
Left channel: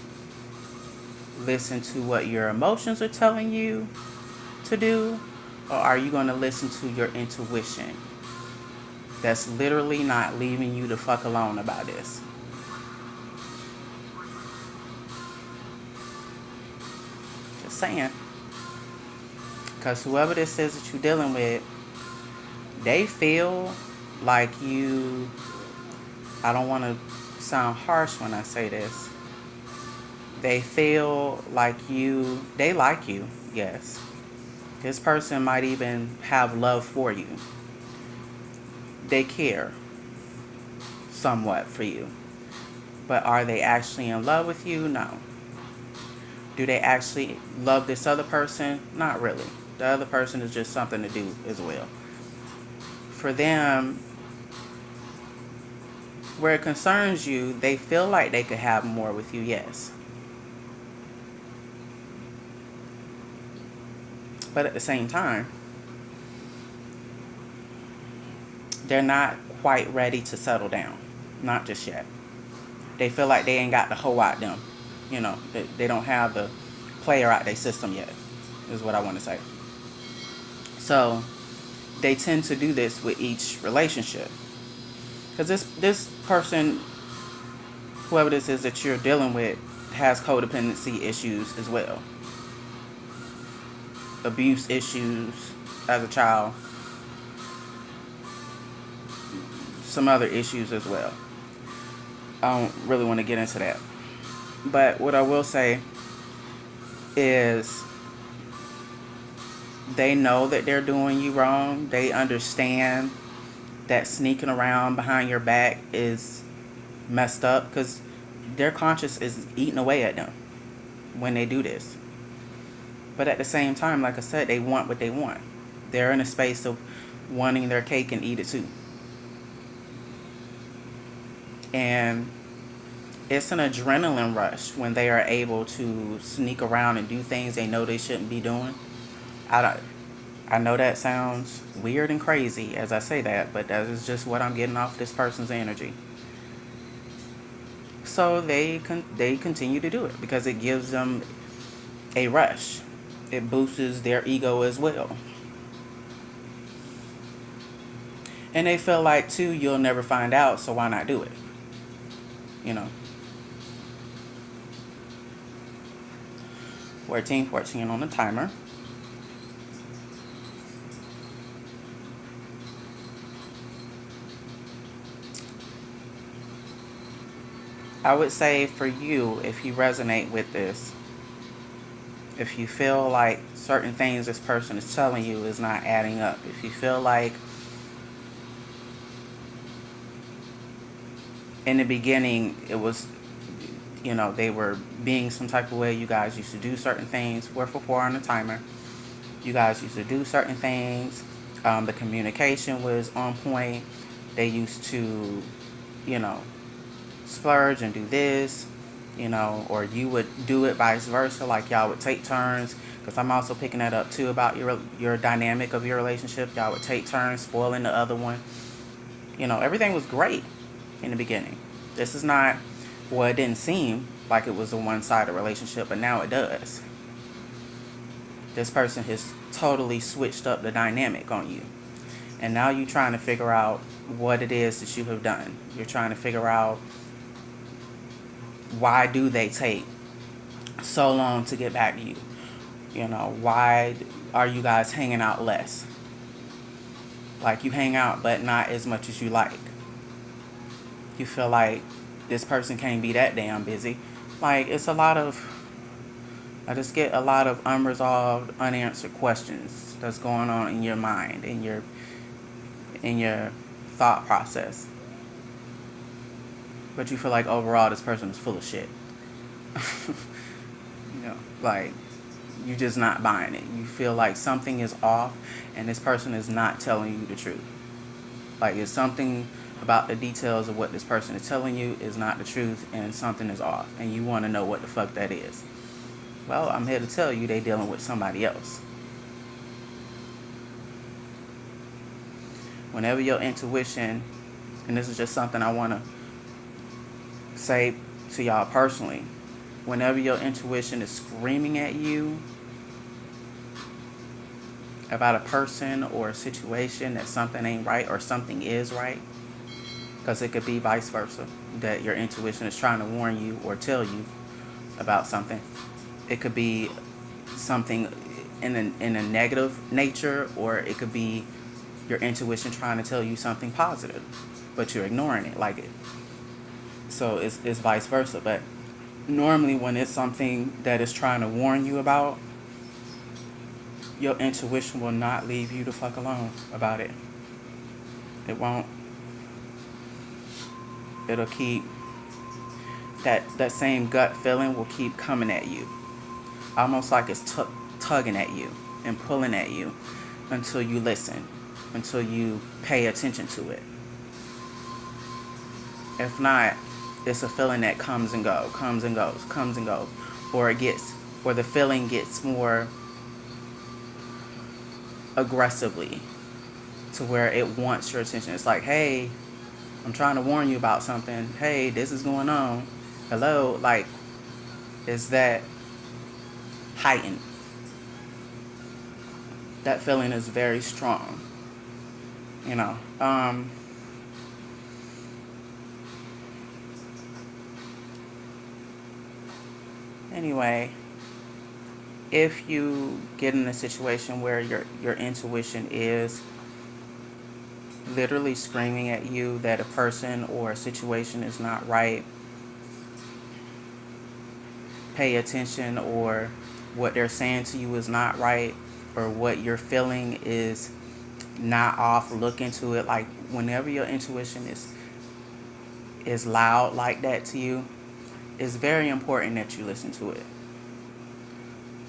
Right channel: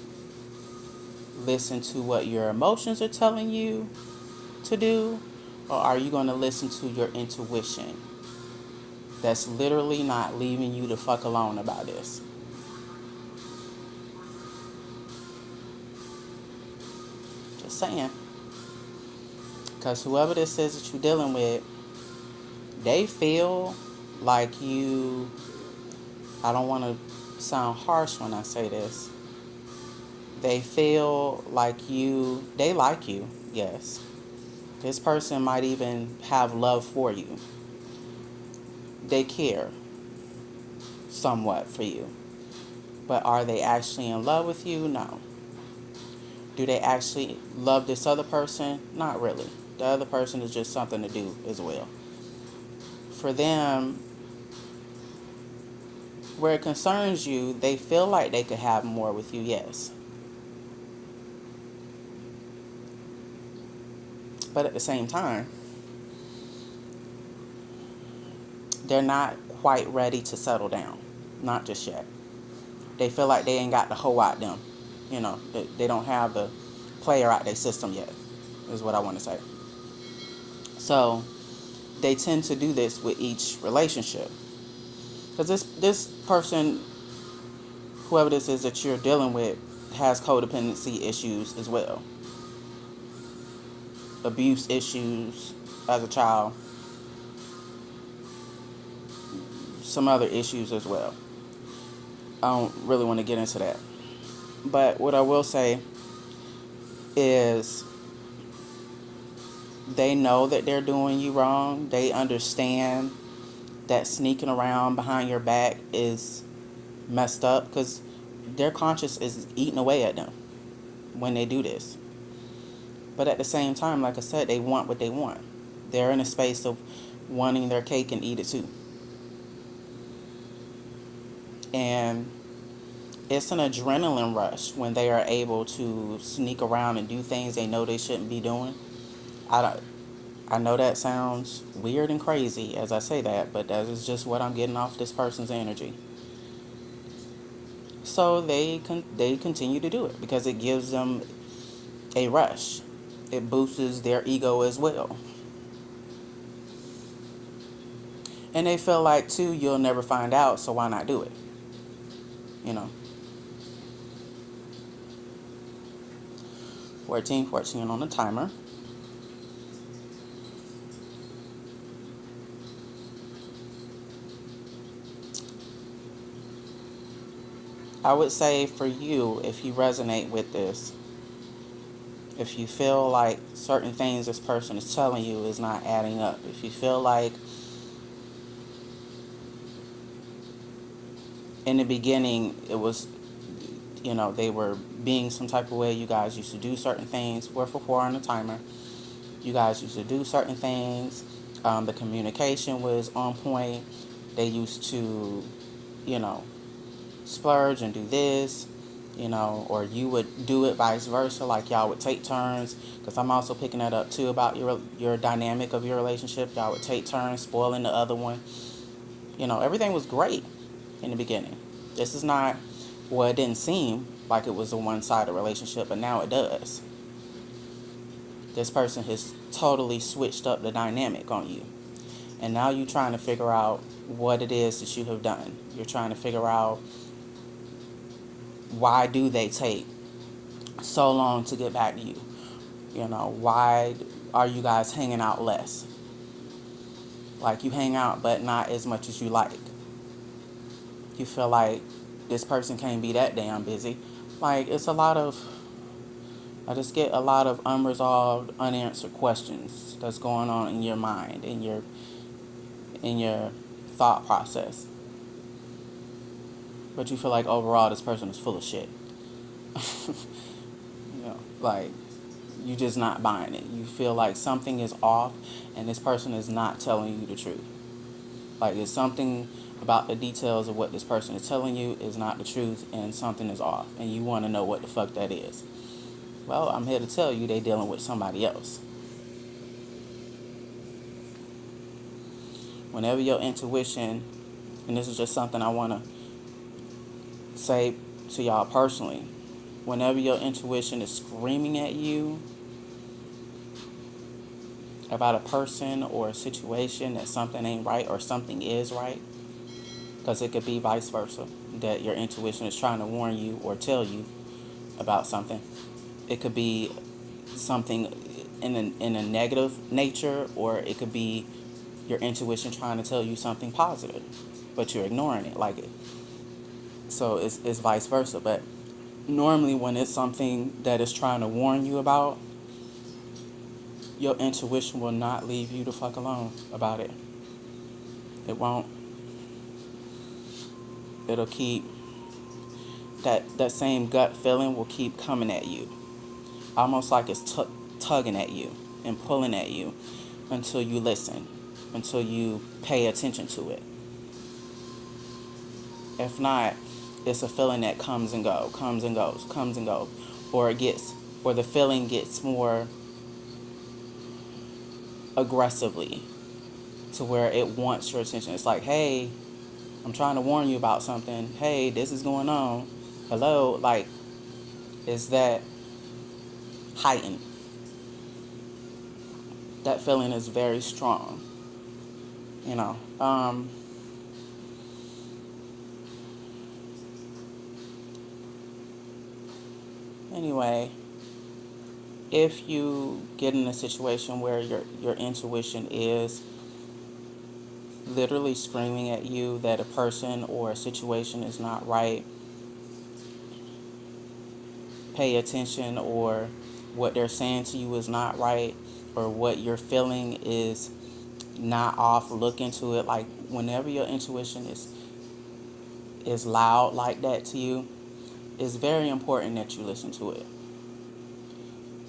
listen to what your emotions are telling you to do, or are you going to listen to your intuition that's literally not leaving you the fuck alone about this? Just saying. Because whoever this is that you're dealing with, they feel like you, I don't want to sound harsh when I say this, they feel like they like you, yes. This person might even have love for you. They care somewhat for you. But are they actually in love with you? No. Do they actually love this other person? Not really. The other person is just something to do as well. For them, where it concerns you, they feel like they could have more with you, yes. But at the same time, they're not quite ready to settle down. Not just yet. They feel like they ain't got the hoe out them. You know, they don't have the player out their system yet, is what I want to say. So, they tend to do this with each relationship. Because this person, whoever this is that you're dealing with, has codependency issues as well. Abuse issues as a child. Some other issues as well. I don't really want to get into that. But what I will say is they know that they're doing you wrong. They understand that sneaking around behind your back is messed up because their conscience is eating away at them when they do this. But at the same time, like I said, they want what they want. They're in a space of wanting their cake and eat it too. And it's an adrenaline rush when they are able to sneak around and do things they know they shouldn't be doing. I know that sounds weird and crazy as I say that, but that is just what I'm getting off this person's energy. So they continue to do it because it gives them a rush. It boosts their ego as well. And they feel like, too, you'll never find out, so why not do it? You know. 14 on the timer. I would say for you, if you resonate with this, if you feel like certain things this person is telling you is not adding up, if you feel like in the beginning it was, you know, they were being some type of way, you guys used to do certain things, 4 on the timer, you guys used to do certain things, the communication was on point, they used to, you know, splurge and do this, or you would do it vice versa, like y'all would take turns. Because I'm also picking that up too about your dynamic of your relationship. Y'all would take turns spoiling the other one. Everything was great in the beginning. This is not, well, it didn't seem like it was a one-sided relationship, but now it does. This person has totally switched up the dynamic on you. And now you're trying to figure out what it is that you have done. You're trying to figure out, why do they take so long to get back to you? Why are you guys hanging out less? Like, you hang out, but not as much as you like. You feel like this person can't be that damn busy. Like, it's a lot of, I just get a lot of unresolved, unanswered questions that's going on in your mind, in your thought process. But you feel like overall this person is full of shit. Like, you're just not buying it. You feel like something is off and this person is not telling you the truth. Like, it's something about the details of what this person is telling you is not the truth, and something is off, and you want to know what the fuck that is. Well, I'm here to tell you they dealing with somebody else. Whenever your intuition, and this is just something I want to say to y'all personally, whenever your intuition is screaming at you about a person or a situation that something ain't right or something is right, because it could be vice versa, that your intuition is trying to warn you or tell you about something. It could be something in a negative nature, or it could be your intuition trying to tell you something positive, but you're ignoring it. Like, so it's vice versa. But normally when it's something that is trying to warn you about, your intuition will not leave you the fuck alone about it. It won't. It'll keep, that same gut feeling will keep coming at you. Almost like it's tugging at you and pulling at you until you listen, until you pay attention to it. If not, it's a feeling that comes and goes, comes and goes, comes and goes. Or the feeling gets more aggressively to where it wants your attention. It's like, hey, I'm trying to warn you about something. Hey, this is going on. Hello. Like, is that heightened? That feeling is very strong. Anyway, if you get in a situation where your intuition is literally screaming at you that a person or a situation is not right, pay attention, or what they're saying to you is not right, or what you're feeling is not off. Look into it. Like, whenever your intuition is loud like that to you, it's very important that you listen to it.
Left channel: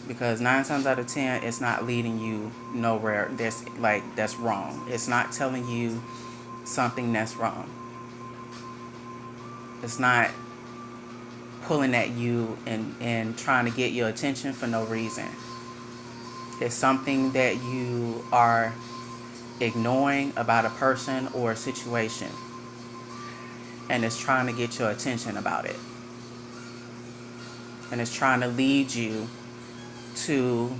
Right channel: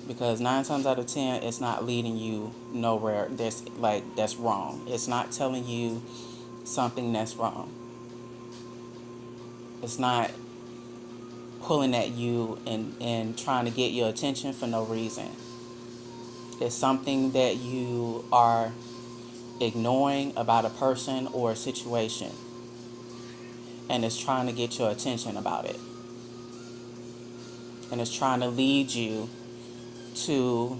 Because 9 times out of 10, it's not leading you nowhere that's wrong. It's not telling you something that's wrong. It's not pulling at you and trying to get your attention for no reason. It's something that you are ignoring about a person or a situation, and it's trying to get your attention about it. And it's trying to lead you to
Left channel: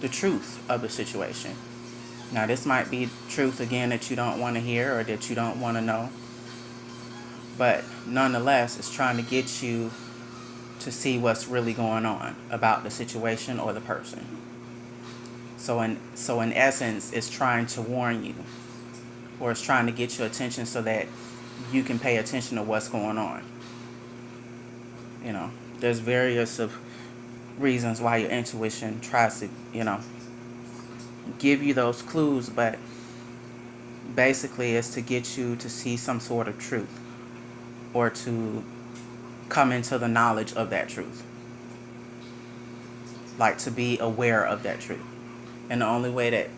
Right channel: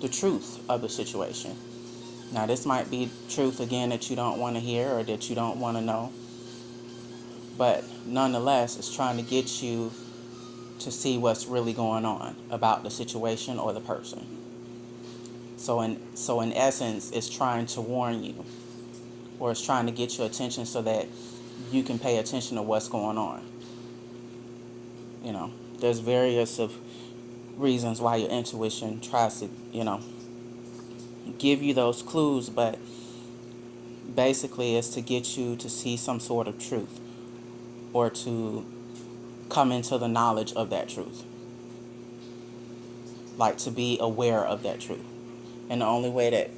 the truth of the situation. Now, this might be truth, again, that you don't want to hear or that you don't want to know. But nonetheless, it's trying to get you to see what's really going on about the situation or the person. So in essence, it's trying to warn you, or it's trying to get your attention so that you can pay attention to what's going on. There's various of reasons why your intuition tries to, give you those clues, but basically it's to get you to see some sort of truth, or to come into the knowledge of that truth. Like, to be aware of that truth. And the only way that,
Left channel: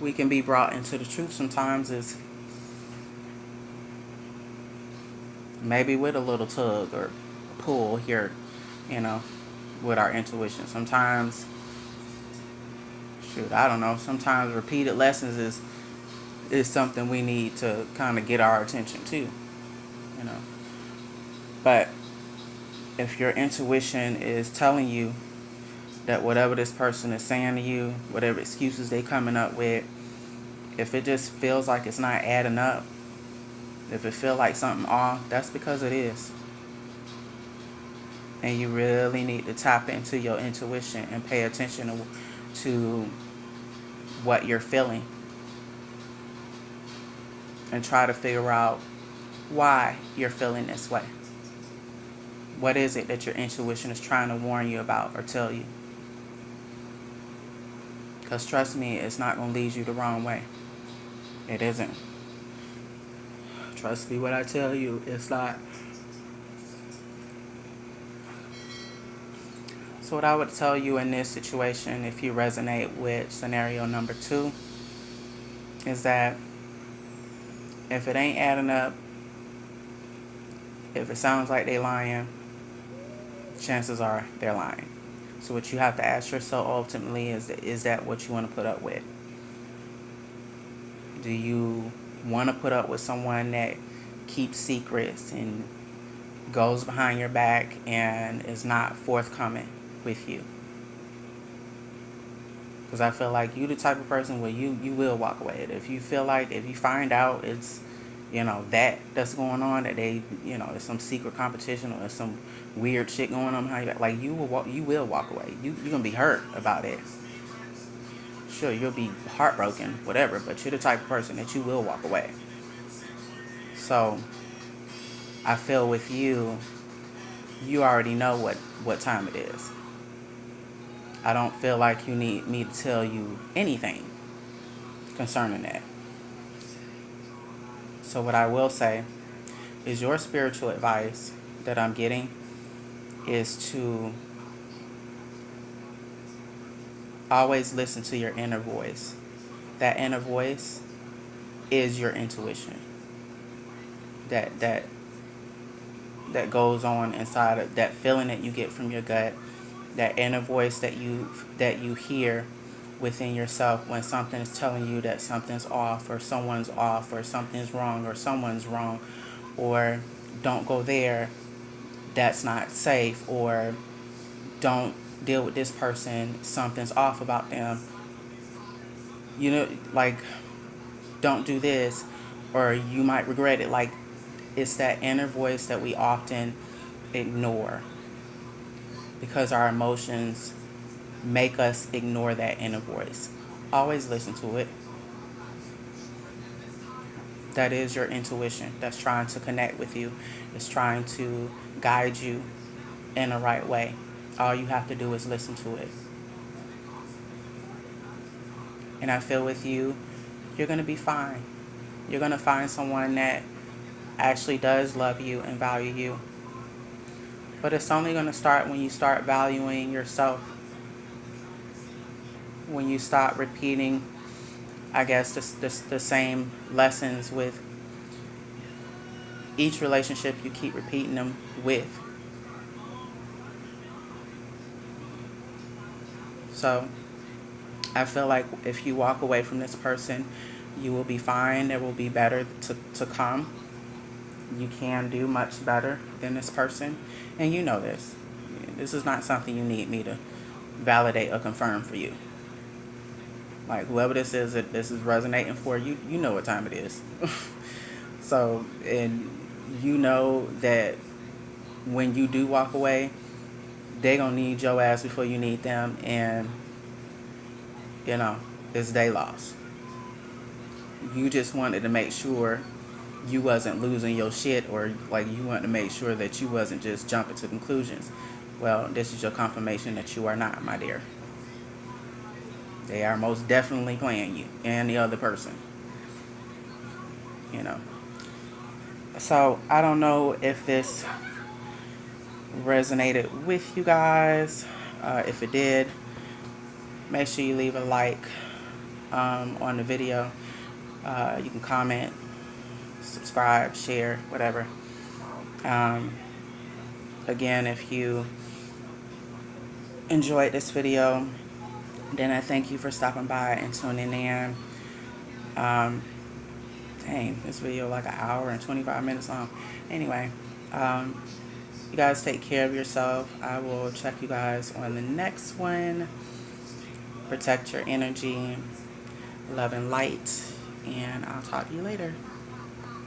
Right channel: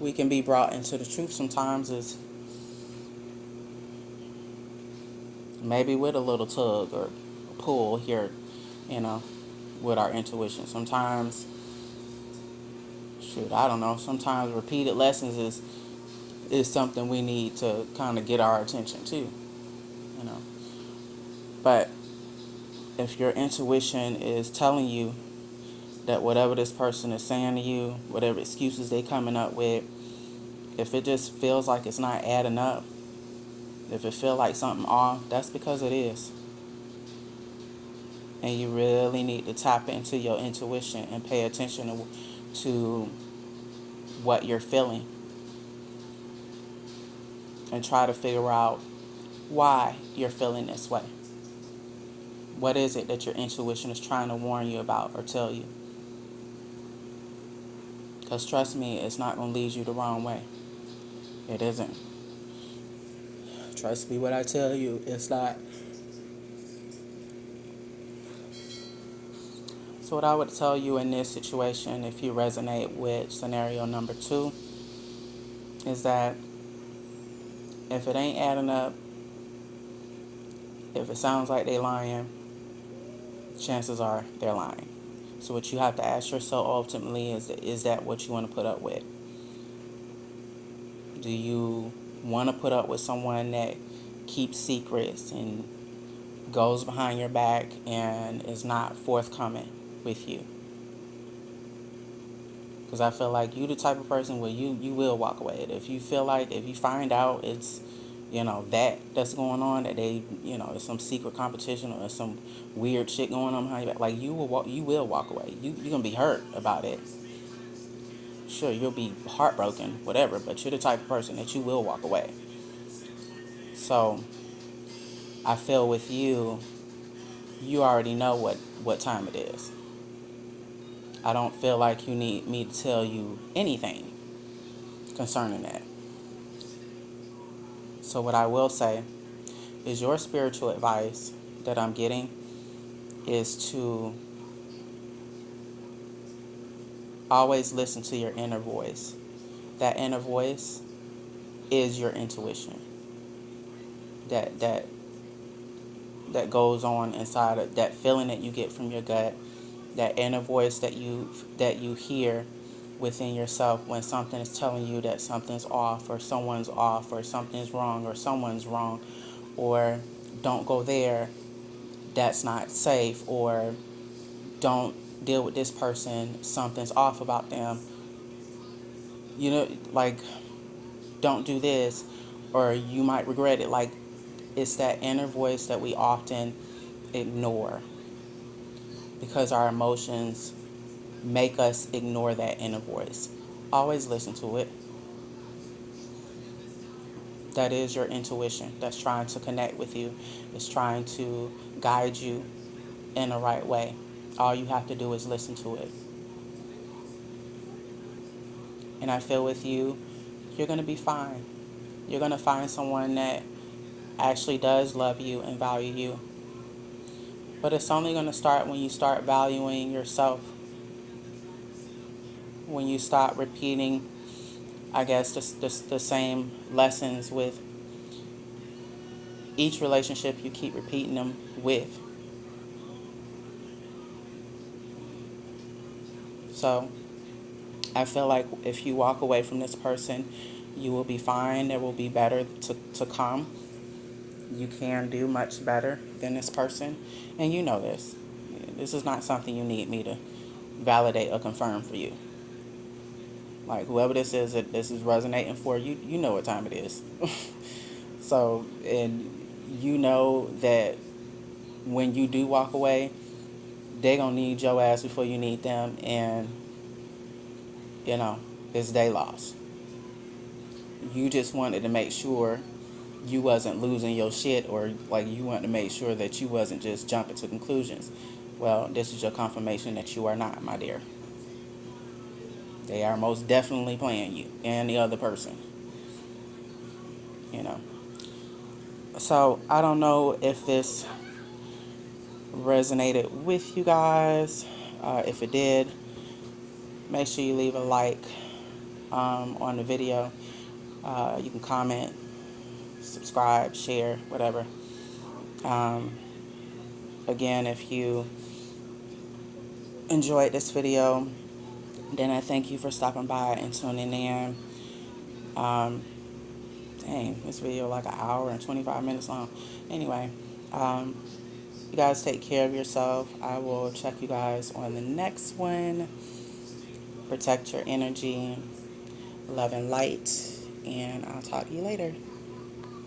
we can be brought into the truth sometimes is maybe with a little tug or pull here, you know, with our intuition. Sometimes, shoot, I don't know. Sometimes repeated lessons is something we need to kind of get our attention to, you know. But if your intuition is telling you that whatever this person is saying to you, whatever excuses they coming up with, if it just feels like it's not adding up, if it feel like something off, that's because it is. And you really need to tap into your intuition and pay attention to what you're feeling and try to figure out why you're feeling this way. What is it that your intuition is trying to warn you about or tell you? Because trust me, it's not going to lead you the wrong way. It isn't. Trust me when I tell you, it's not. So what I would tell you in this situation, if you resonate with scenario number 2, is that if it ain't adding up, if it sounds like they lying, chances are they're lying. So what you have to ask yourself ultimately is that what you want to put up with? Do you want to put up with someone that keeps secrets and goes behind your back and is not forthcoming with you? Because I feel like you the type of person where you will walk away. If you feel like, if you find out it's, that's going on, that they, there's some secret competition or some weird shit going on behind your back, like you will walk away. You're going to be hurt about it. Sure, you'll be heartbroken, whatever, but you're the type of person that you will walk away. So, I feel with you, you already know what time it is. I don't feel like you need me to tell you anything concerning that. So what I will say is your spiritual advice that I'm getting is to always listen to your inner voice. That inner voice is your intuition. That goes on inside of that feeling that you get from your gut, that inner voice that you hear within yourself when something is telling you that something's off or someone's off or something's wrong or someone's wrong, or don't go there, that's not safe, or don't deal with this person, something's off about them, like don't do this or you might regret it. Like, it's that inner voice that we often ignore because our emotions make us ignore that inner voice. Always listen to it. That is your intuition that's trying to connect with you. It's trying to guide you in the right way. All you have to do is listen to it. And I feel with you, you're going to be fine. You're going to find someone that actually does love you and value you. But it's only going to start when you start valuing yourself. When you stop repeating, I guess, the same lessons with each relationship you keep repeating them with. So, I feel like if you walk away from this person, you will be fine. There will be better to come. You can do much better than this person. And you know this. This is not something you need me to validate or confirm for you. Like, whoever this is that this is resonating for, you know what time it is. So, and you know that when you do walk away, they gonna need your ass before you need them, and it's their loss. You just wanted to make sure you wasn't losing your shit, or like you wanted to make sure that you wasn't just jumping to conclusions. Well, this is your confirmation that you are not, my dear. They are most definitely playing you and the other person. So I don't know if this resonated with you guys. If it did, make sure you leave a like on the video. You can comment, subscribe, share, whatever. Um, Again, if you enjoyed this video, then I thank you for stopping by and tuning in. Um, Dang, this video like an hour and 25 minutes long. Anyway, um, you guys take care of yourself. I will check you guys on the next one. Protect your energy, love and light, and I'll talk to you later.